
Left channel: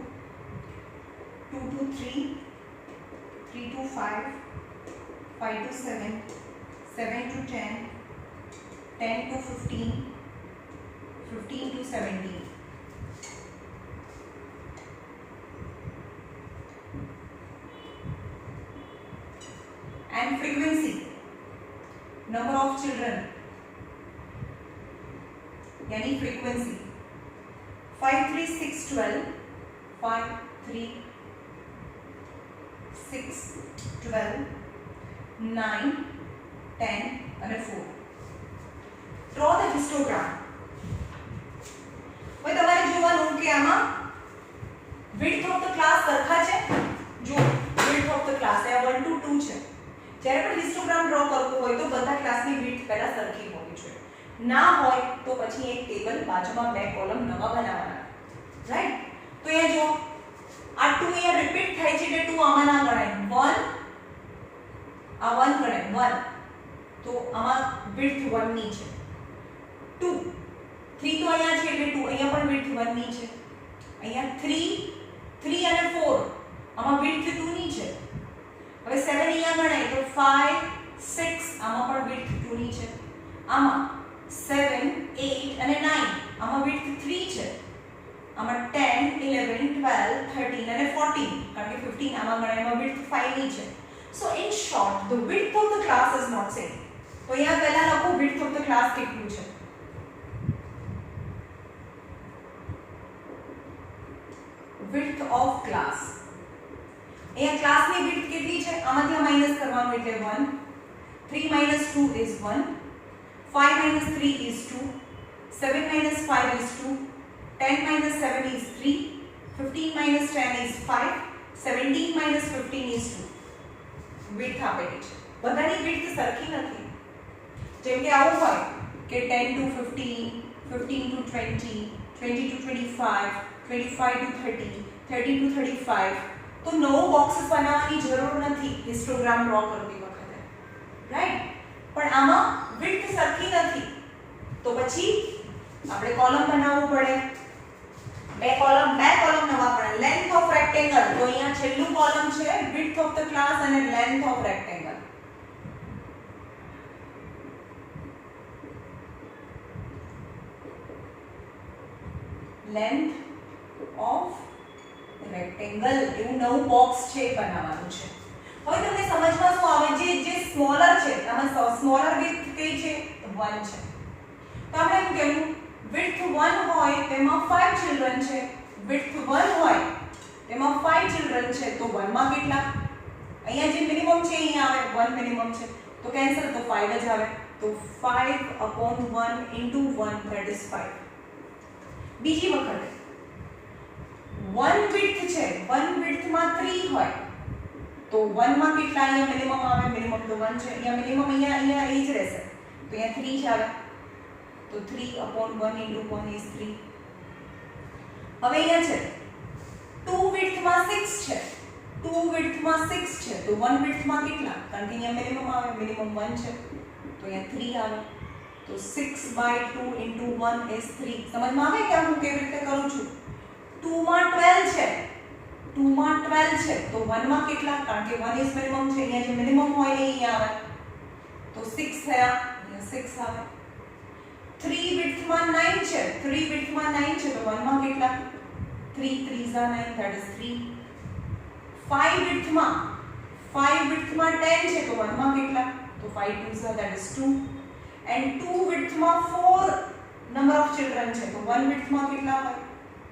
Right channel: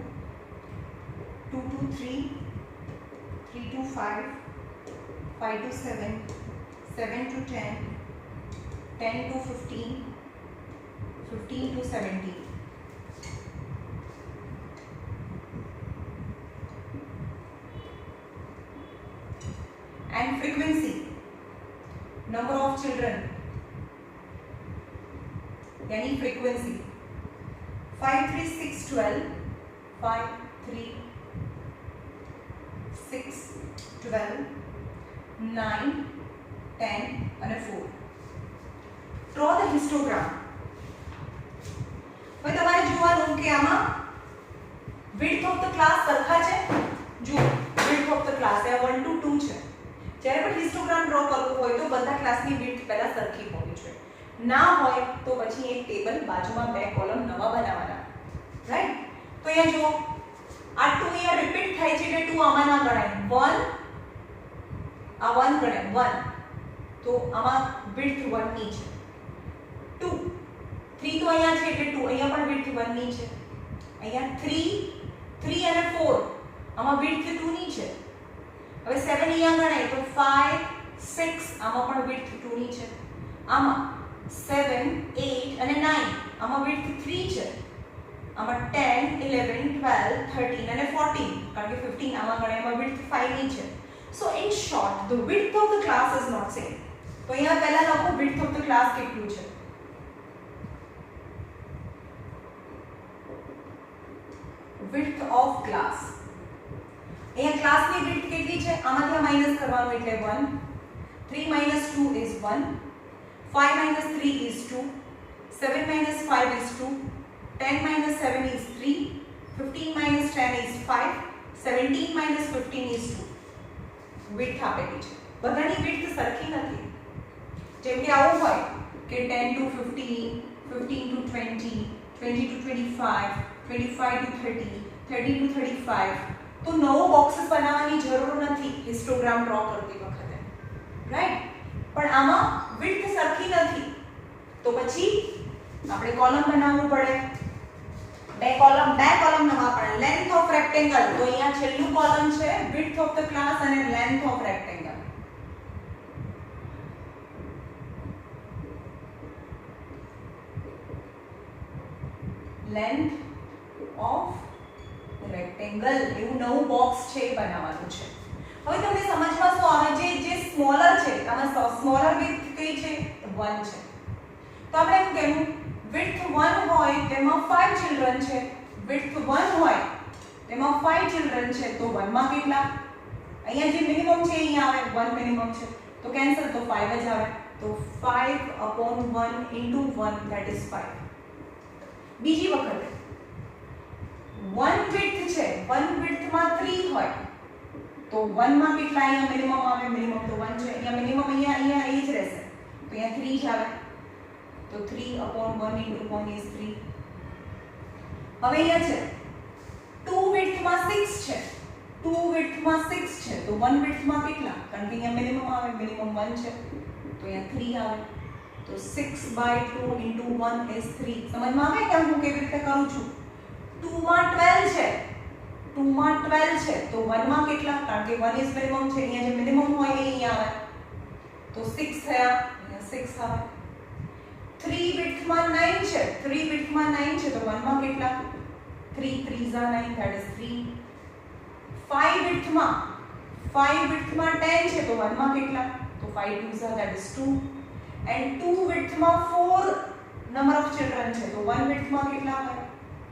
2 to 3, 3 to 5, 5 to 7, 7 to 10, 10 to 15, 15 to 17. And frequency, number of children, यानी frequency 5, 3, 6, 12, 5, 3, 6, 12, 9, 10 અને 4. Draw the histogram. હવે તમારે જોવાનું કે આમાં width of the class સરખા છે. જો width of the class A 1 to 2 છે. જ્યારે પણ હિસ્ટોગ્રામ ડ્રો કરવું હોય તો બધા ક્લાસની વિડ્થ પહેલા સરખી હોવી જોઈએ. ના હોય તો પછી એક ટેબલ બાજુમાં બે કોલમ નવા બનાવવાના, રાઈટ? તો અહીંયા જો આ 2 અહીંયા રિપીટ થાય છે એટલે 2 આમાં ના ગણાય. 1 આ 1 ગણાય 1, તો આમાં વિડ્થ 1 ની છે. 2 3 તો અહીંયા છે એટલે 2 અહીંયા પણ વિડ્થ 1 ની છે. અહીંયા 3 અને 4 આમાં વિડ્થ 2 ની છે. હવે 7 અહીંયા ગણાય તો 5 6 આમાં પણ વિડ્થ 2 ની છે. આમાં 7 8 અને 9 આમાં વિડ્થ 3 છે. આમાં 10 11 12 13 અને 14 કારણ કે 15 આમાં ગણાય એમાં વિડ્થ 5 ની છે. સો in short the width of the class is not same. તો અહીંયા પહેલા લખો width of the class કેટલું છે. width of class, અહીંયા ક્લાસની વિડ્થ કેટલી છે આમાંથી આ માઈનસ કરવાનું એટલે 1. 3 minus 2 is 1, 5 minus 3 is 2, 7 minus 5 is 2, 10 minus 7 is 3, 15 minus 10 is 5, 17 minus 15 is 2. Width આપેલી છે. બધાની વિડ્થ સરખી નથી. જેમ કે આવું હોય કે 10 to 15, 15 to 20, 20 to 25, 25 to 30, 30 to 35, તો નવો બોક્સ બનાવવાની જરૂર નથી હિસ્ટોગ્રામ ડ્રો કરતી વખતે, રાઈટ? પણ આમાં વિડ્થ સરખી નથી તો પછી આપણે કોલમ બનાવવું પડે. બે કોલમ નવા પડે. લેન્થ ઓફ રેક્ટેંગલ, તો અહીંયા છેલ્લું કોલમ છે વિડ્થ ઓફ ધ ક્લાસ અને length of rectangle. Length of rectangle એવું નવું બોક્સ છે એ બનાવવાનું છે. હવે તમને સમજમાં શું આવે જે સ્મોલર છે આમાં સ્મોલર વિડ્થ કઈ છે 1 છે. તો આપણે એમ કહેવું વિડ્થ 1 હોય તેમાં 5 ચિલ્ડ્રન છે. વિડ્થ 1 હોય તેમાં 5 ચિલ્ડ્રન છે તો 1 માં કેટલા? અહીંયા જે મિનિમમ છે અહીંયા આવે 1 મિનિમમ છે તો કેન્સલ, તો 5 જ આવે. તો 5/1 into 1 that is 5. બીજી વખતે 1 વિડ્થ છે, 1 વિડ્થમાં 3 હોય તો 1 માં કેટલા અહીંયા મિનિમમ આવે? મિનિમમ તો 1 છે. અહીંયા મિનિમમ અહીંયા એ જ રહેશે તો અહીંયા 3 જ આવે. તો 3/1 into 1 is 3. હવે અહીંયા છે 2 વિડ્થમાં 6 છે, 2 વિડ્થમાં 6 છે તો 1 વિડ્થમાં કેટલા? કારણ કે અહીંયા મિનિમમ આવે, મિનિમમ 1 છે તો અહીંયા 3 આવે. તો 6/2 into 1 is 3. સમજમાં આવે કે હું કેવી રીતે કરું છું? 2 માં 12 છે, 2 માં 12 છે તો 1 માં કેટલા? કારણ કે 1 is minimum છે, અહીંયા જે મિનિમમ હોય એ અહીંયા આવે તો 6 થયા, અહીંયા 6 આવે. 3 વિડ્થમાં 9 છે, 3 વિડ્થમાં 9 છે તો 1 માં કેટલા? 3 3s are 9 that is 3. 5 વિડ્થમાં 10 છે તો 1 માં કેટલા? તો 5 2s are that is 2. and 2 વિડ્થમાં 4 number of children છે તો 1 વિડ્થમાં કેટલા આવે?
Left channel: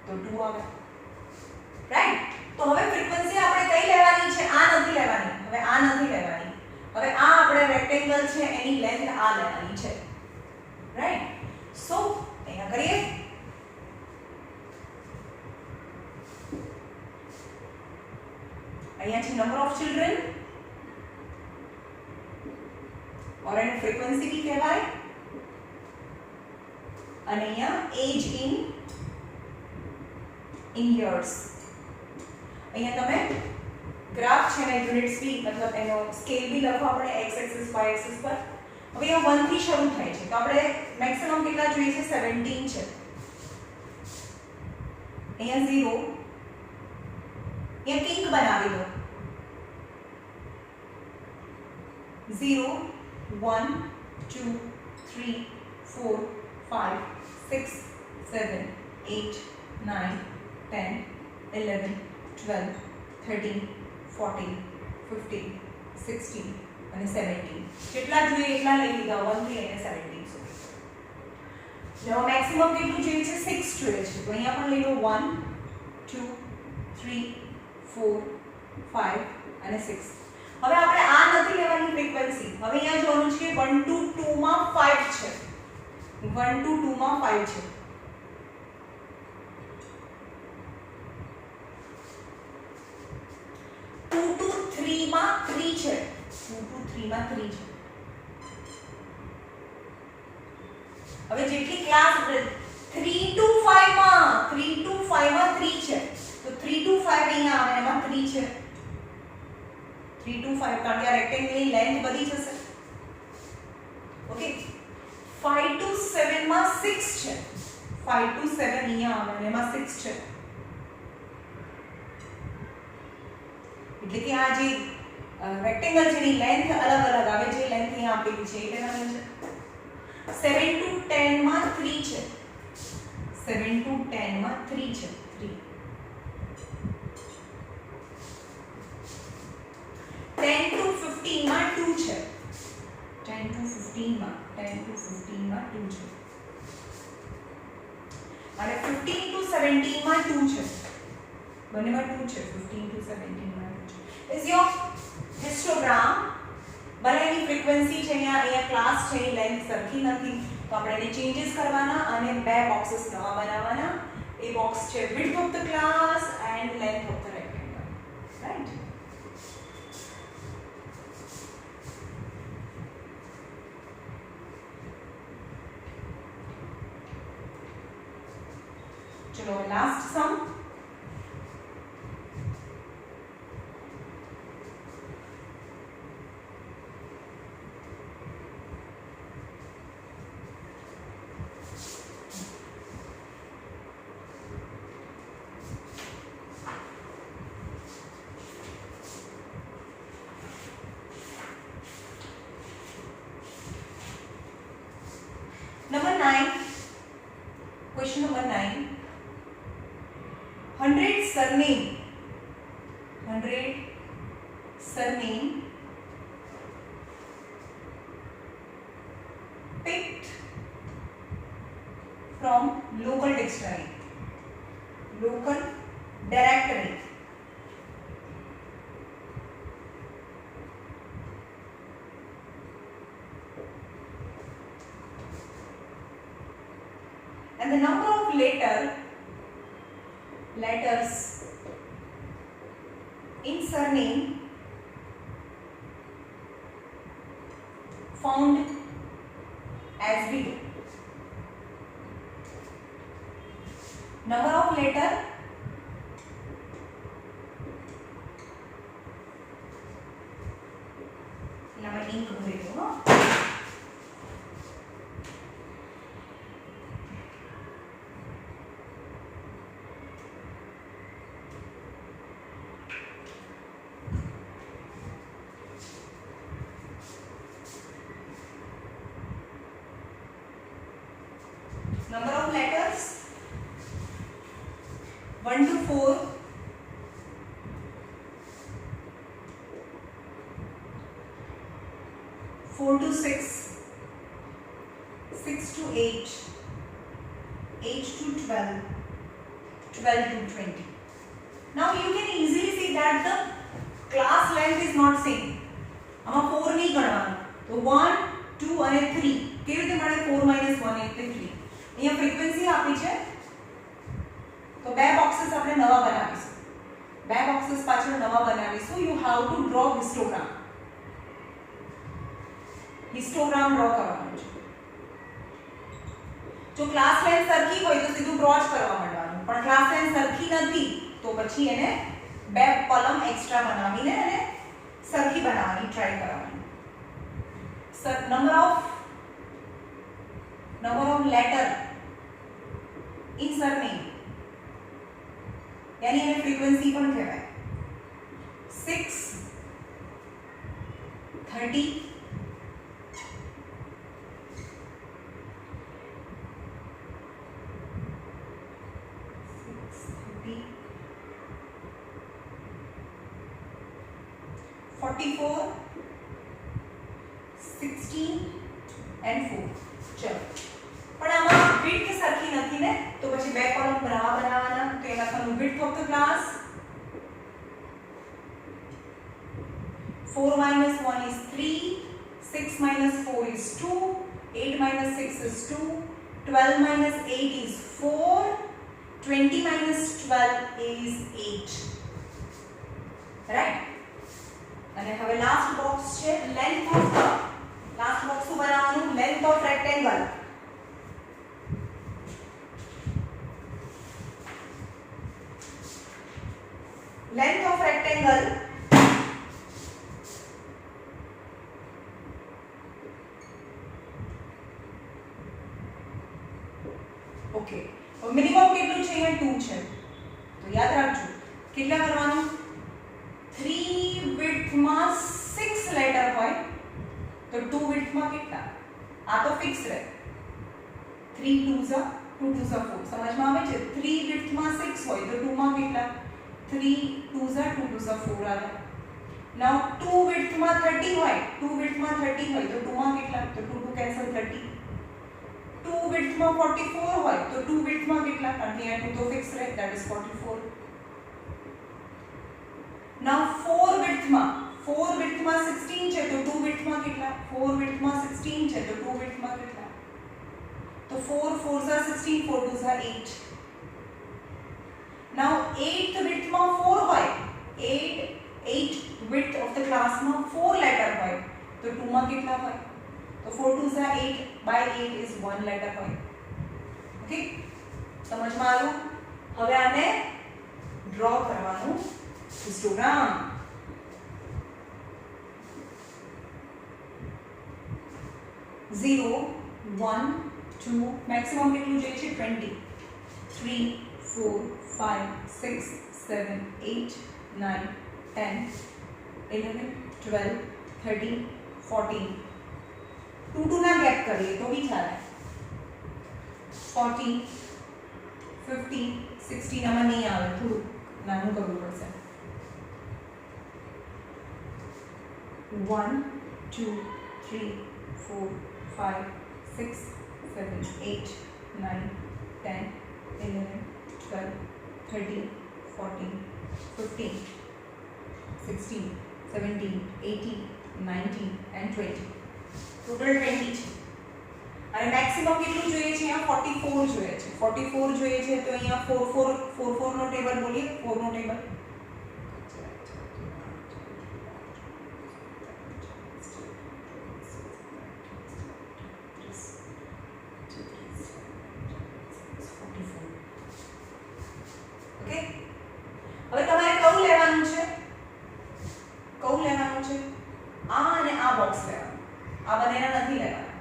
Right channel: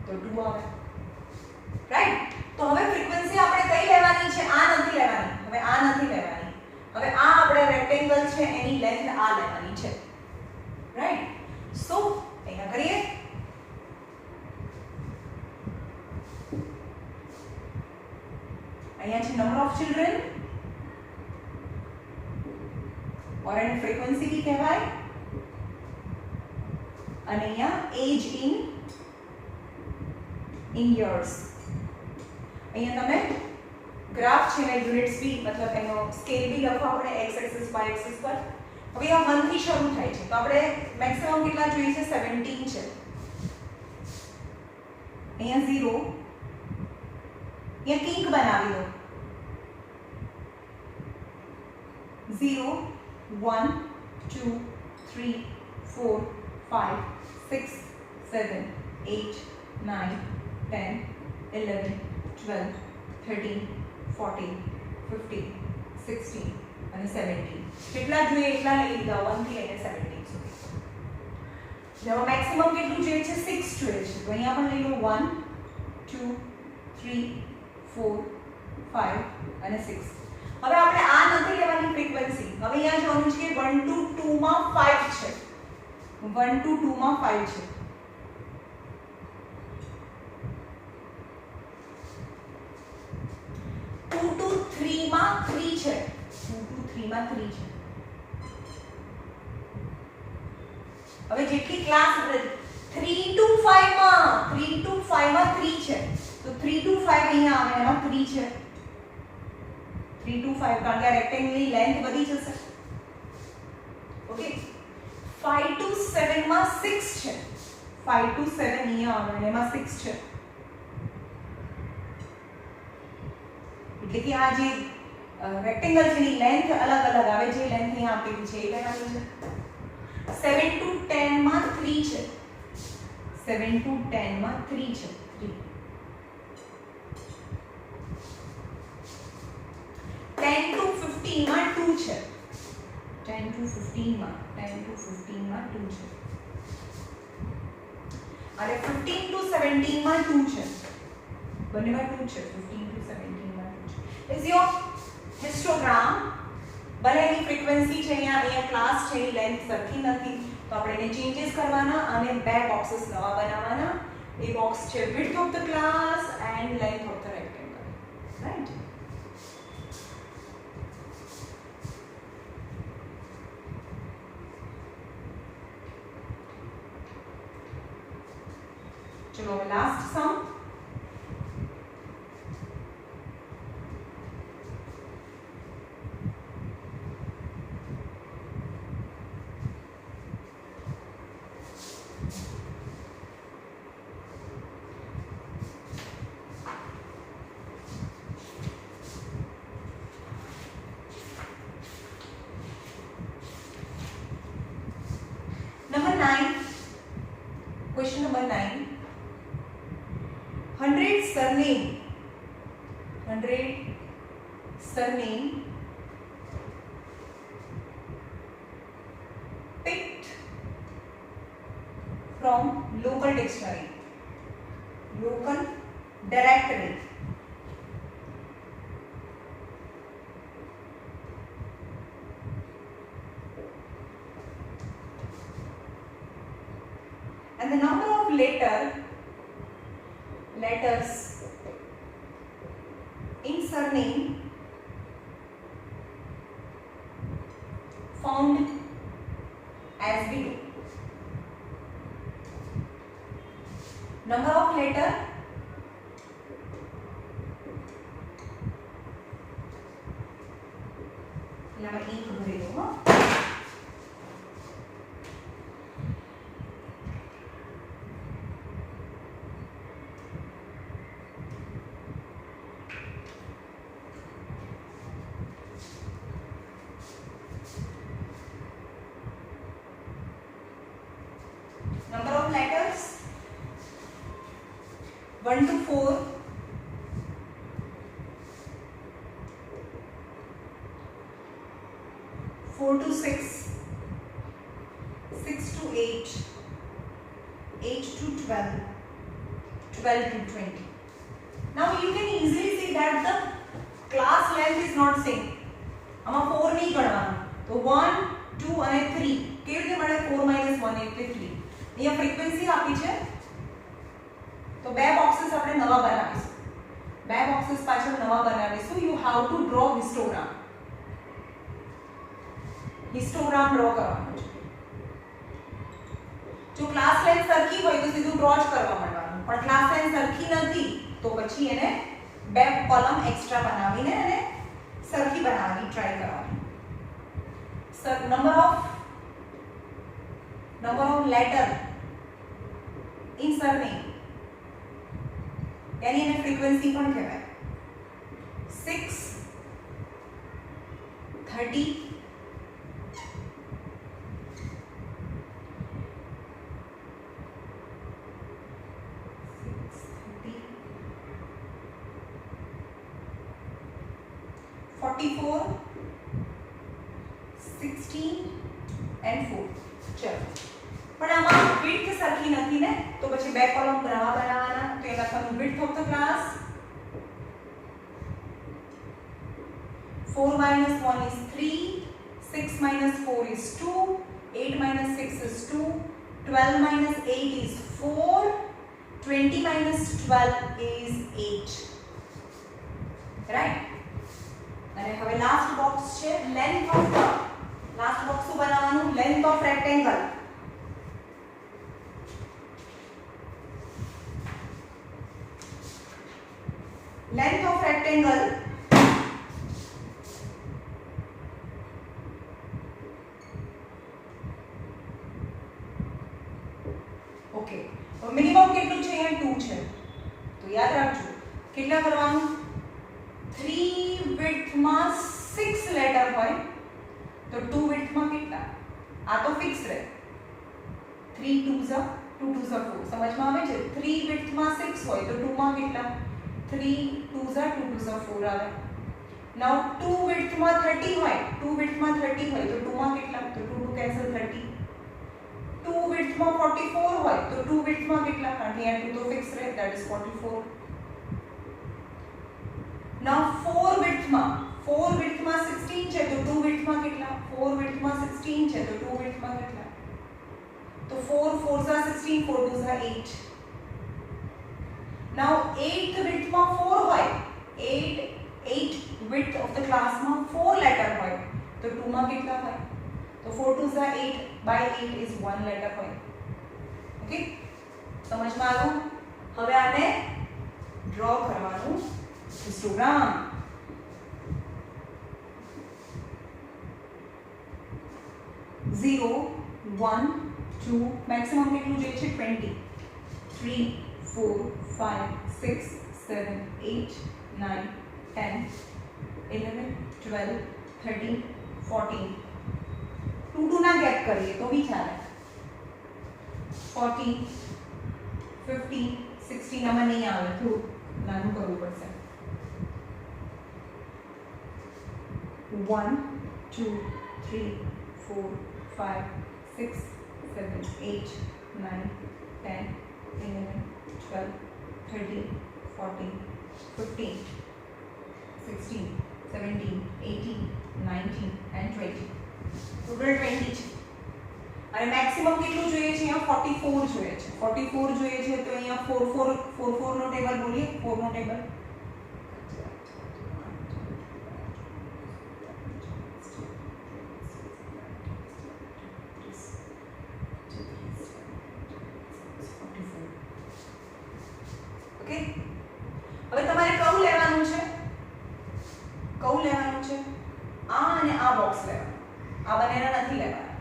તો 2 આવે, રાઈટ? તો હવે ફ્રીક્વન્સી આપણે કઈ લેવાની છે? આ નથી લેવાની. હવે આ નથી લેવાની. હવે આ આપણે રેક્ટેંગલ છે એની લેન્થ આ લેવાની છે, રાઈટ? સો અહીંયા કરીએ. અહીંયા છે નંબર ઓફ ચિલ્ડ્રન और एंड फ्रीक्वेंसी भी कहेवाय અને અહીંયા એજ ઇન યર્સ. અહીંયા તમે ગ્રાફ છે ને યુનિટ્સ બી મતલબ એનો સ્કેલ બી લખો આપણે x એક્સિસ y એક્સિસ પર. હવે આ 1 થી શરૂ થાય છે તો આપણે મેક્સિમમ કેટલા જોઈએ છે 17 છે. અહીંયા 0 અહીંયા કિંક બનાવી લો. 0 1 2 3 4 5 6 7 8 9 10 11 12 13 14 15 16 અને 17. કેટલા જોઈએ એટલા લઈ લીધા 1 થી લઈને 17 સુધી. હવે મેક્સિમમ કેટલું જોઈએ છે 6 જોઈએ છે તો અહીંયા પણ લઈ લો 1 2 3 4 5 અને 6. હવે આપણે આ નથી લેવાની ફ્રીક્વન્સી. હવે અહીંયા જોવાનું છે કે 1 to 2 માં 5 છે. 1 to 2 માં 5 છે. 2 to 3 માં 3 છે. 2 to 3 માં 3 છે. હવે જેટલી ક્લાસ 3 to 5 માં 3 to 5 માં 3 છે તો 3 to 5 અહીંયા આવે એમાં 3 છે. 3 to 5 કારણ કે આ રેક્ટેંગલની લેન્થ વધી જશે. ઓકે 5 to 7 માં 6 છે. 5 to 7 અહીંયા આવે અને એમાં 6 છે. એટલે કે આ જે રેક્ટેંગલ છે એની લેન્થ અલગ અલગ આવે. જે લેન્થ અહીંયા આપેલી છે એ લેવાની છે. 7 to 10 માં 3 છે. 7 to 10 માં 3 છે. 3 10 to 15 માં 2 છે. 10 to 15 માં 2 છે. અને 15 to 17 માં 2 છે. બંનેમાં 2 છે. 15 to 17 માં 2 છે. Is your histogram. ભલે એની ફ્રીક્વન્સી છે અહીંયા ક્લાસ છે એની લેન્થ સરખી નથી તો આપણે એને ચેન્જીસ કરવાના અને બે બોક્सेस નવા બનાવવાના. એ બોક્સ છે width of the class and length of the rectangle. Right? चलो last some. Number 9. Question number 9. 100 surname picked from local dictionary, local directory. And the number of letters in surname found as below. Number of letter ink ભરી દો. Number of letters 1 to 4, 4 to 6, 6 to 8, 8 to 12, 12 to 20. Now you can easily see that the class length is not same. આમાં 4 નહીં ગણવાનું તો 1 2 અને 3 કેવી રીતે મળે 4 - 1 એટલે 3. અહીંયા ફ્રીક્વન્સી આપી છે તો બે બોક્सेस આપણે નવા બનાવીશું. બે બોક્सेस પાછળ નવા બનાવીશું. You how to draw histogram. Histogram draw કરવાનો છે. જો જો ક્લાસ લેન્થ સરખી હોય તો સીધું ડ્રો જ કરવા માંડવાનું, પણ ક્લાસ લેન્થ સરખી નથી તો પછી એને બે કોલમ એક્સ્ટ્રા બનાવીને અને સરખી બનાવવાની ટ્રાય કરવાની. number of letter in surname यानी એને ફ્રીક્વન્સી પણ કહેવાય. 6 30 44 16 and 4. ચલો પણ આમાં વિડ્થ સરખી નથી ને તો પછી બે કોલમ બનાવવાના. તો એ લખવાનું width of the class 4 minus 1 is 3, 6 minus 4 is 2, 8 minus 6 is 2, 12 minus 8 is 4, 20 minus 12 is 8. Right? અને હવે લાસ્ટ બોક્સ છે લેન્થ ઓફ લાસ્ટ બોક્સ શું બનાવવાનું? Length of rectangle. Length of rectangle okay. Minimum કેટલું છે? અહીંયા 2 છે. તો યાદ રાખજો કેટલા કરવાનું? 3 width માં 6 લેટર હોય તો 2 width માં કેટલા? આ તો ફિક્સ રહે. 3 2s 2 2s 4 સમજમાં આવે છે? 3 width માં 6 હોય તો 2 માં કેટલા? 3 2s 2 2s 4 આવે. નાઉ 2 width માં 30 હોય, 2 width માં 30 હોય તો 2 માં કેટલા? તો 2 2 કેન્સલ 30. 2 width માં 44 હોય તો 2 width માં કેટલા? કારણ કે અહીંયા 2 તો ફિક્સ રહે, that is 44. Now 4 width માં 16 છે તો 2 width માં કેટલા? 4 width માં 16 છે તો 2 width માં કેટલા? તો 4 4s 16, 4 2s 8. Now 8th width માં 4 હોય, 8 width of the class માં 4 letter હોય તો 2 માં કેટલા હોય? તો 4 2s 8 by 8 is 1 letter હોય. ઓકે, સમજમાં આવ્યું? હવે આને ડ્રો કરવાનું histogram. Zero, 1, 2, maximum કેટલું જોઈએ છે? 20. 3, 4, 5, 6, 7, 8, 9, 10, 11, 12, 13, 14. 2 ના ગેપ કરીએ તો બી ચાલે. 40, 50, 60 આમાં નહીં આવે, થોડું નાનું કરવું પડશે. 1, 2, 3, 4, 5, 6, 7, 8, 9, 10, 11, 12, 13, 14, 15, 16, 17, 18, 19 and 20. ટોટલ 20 છે. અને મેક્સિમમ કેટલું જોઈએ છે? અહીંયા 44 જોઈએ છે. 44 જોઈએ છે તો અહીંયા 4 4 નો ટેબલ બોલીએ. 4 નો ટેબલ ઓકે. હવે તમારે કયું લેવાનું છે? આ અને આ બોક્સ લેવાનું. આ બંનેના નથી લેવાના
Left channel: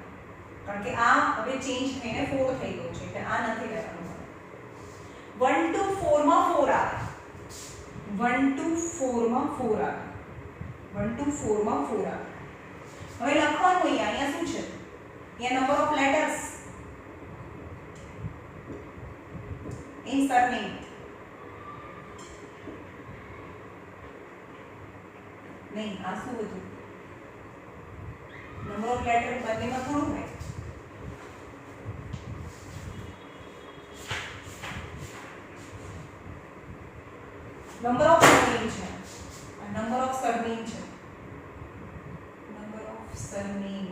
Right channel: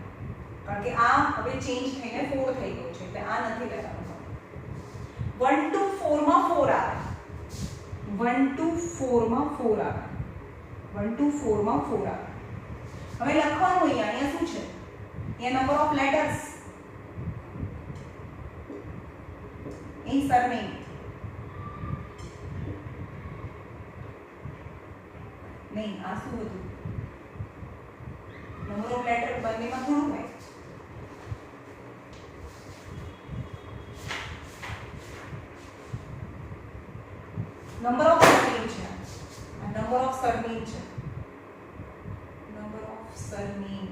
કારણ કે આ હવે ચેન્જ થઈને 4 થઈ ગયો છે એટલે આ નથી લેવાનું. 1 to 4 માં 4 આવે. 1 to 4 માં 4 આવે. 1 to 4 માં 4 આવે. હવે લખવાનું અહીંયા શું છે? અહીંયા number of letters in surname. નહીં, આ શું હતું? નંબર ઓફ લેટર બંનેમાં થોડું હોય. નંબર ઓફ સરનેમ છે. નંબર ઓફ સરનેમ છે. નંબર ઓફ સરનેમ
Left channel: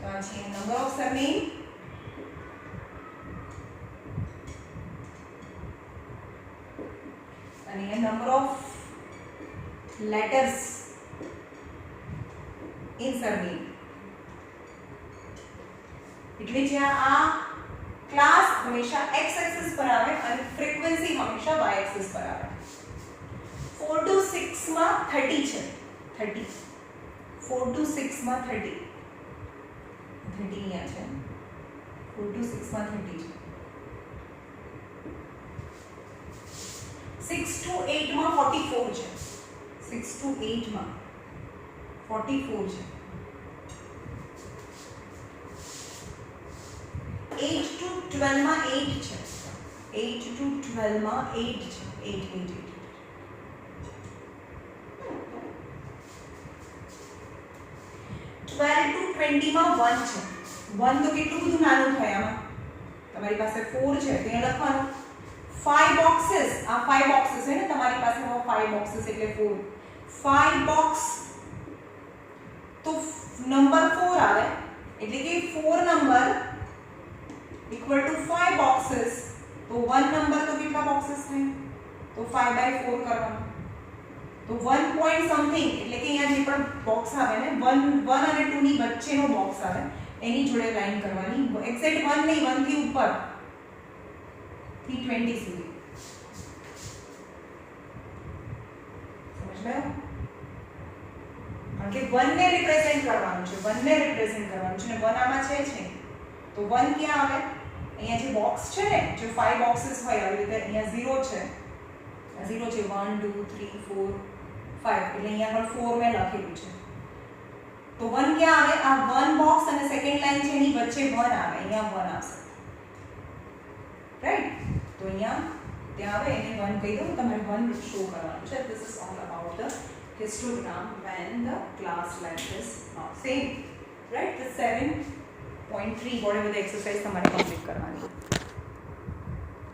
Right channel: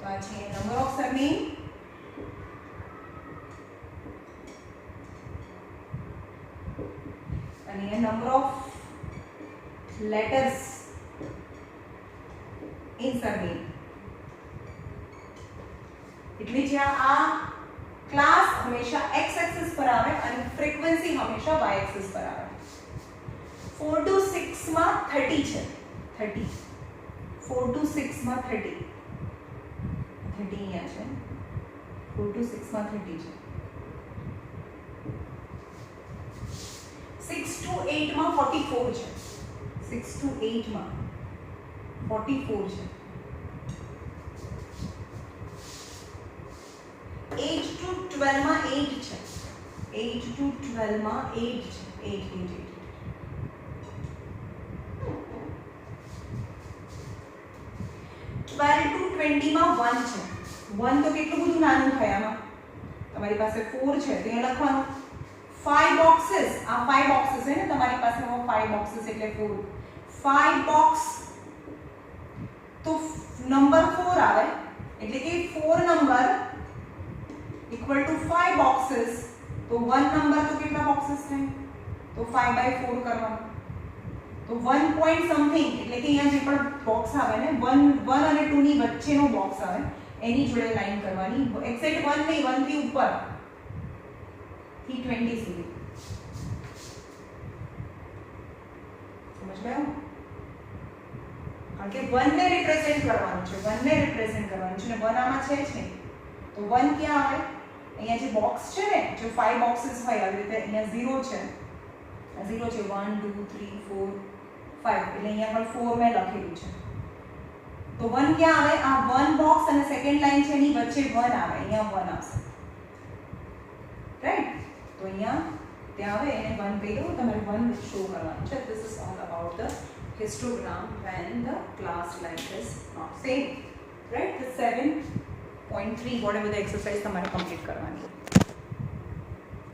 તો આ છે નંબર ઓફ સરનેમ. અને number of letters in surname. એટલે જ્યાં આ ક્લાસ હંમેશા x એક્સિસ પર આવે અને ફ્રીક્વન્સી હંમેશા y એક્સિસ પર આવે. 4 to 6 માં 30 છે. 30 4 to 6 માં 30 અહીંયા છે. 4 to 6 માં 30 છે. 6 to 8 માં 44 છે. 6 to 8 માં 44 છે. 8 to 12 માં 8 છે. 8 to 12 માં 8 છે. 8 8 8 12 to 20 માં 1 છે. 1 તો કેટલું બધું નાનું થાય આમાં. તમારી પાસે 4 છે તો અહીંયા લખવાનું 5 બોક્सेस. આ 5 બોક્सेस છે ને તમારી પાસે 5 બોક્सेस એટલે 4. 5 બોક્સ તો નંબર 4 આવે એટલે કે 4 નંબર ઇક્વલ ટુ 5 બોક્सेस. તો 1 નંબર તો કેટલા બોક્सेस થાય? તો 5/4 કરવાનું. તો 1 પોઈન્ટ સમથિંગ એટલે કે અહીંયા જે પણ બોક્સ આવે ને 1 અને 2 ની વચ્ચેનો બોક્સ આવે એની જોડે લાઈન કરવાની. એક્ઝેક્ટ 1 નહીં, 1 થી ઉપર થી 20 સુધી. સમજ ગયો? કારણ કે 1 ને રિપ્રેઝેન્ટ કરવાનું છે. 1 ને રિપ્રેઝેન્ટ કરવાનું છે ને 1 આમાં છે જ નહીં. તો 1 ક્યાં આવે? અહીંયા જે બોક્સ છે ને જો 5 બોક્सेस હોય આવી રીતે અહીંયા 0 છે. 0 છે 1 2 3 4 5 એટલે અહીંયા પણ 4 મેં લખેલું છે. તો 1 ક્યાં આવે? આ 1 બોક્સ અને સેકન્ડ લાઈન છે એની વચ્ચે 1 આવે. અહીંયા 1 આવશે. રાઈટ? તો અહીંયા ત્યાં આવે એને 1 કહી દઉં. તમારે 1 શો કરવાનું છે. This is all about the histogram when the class length is not same. Right? The 7.3 whatever the exercise તમારે complete કરવાની.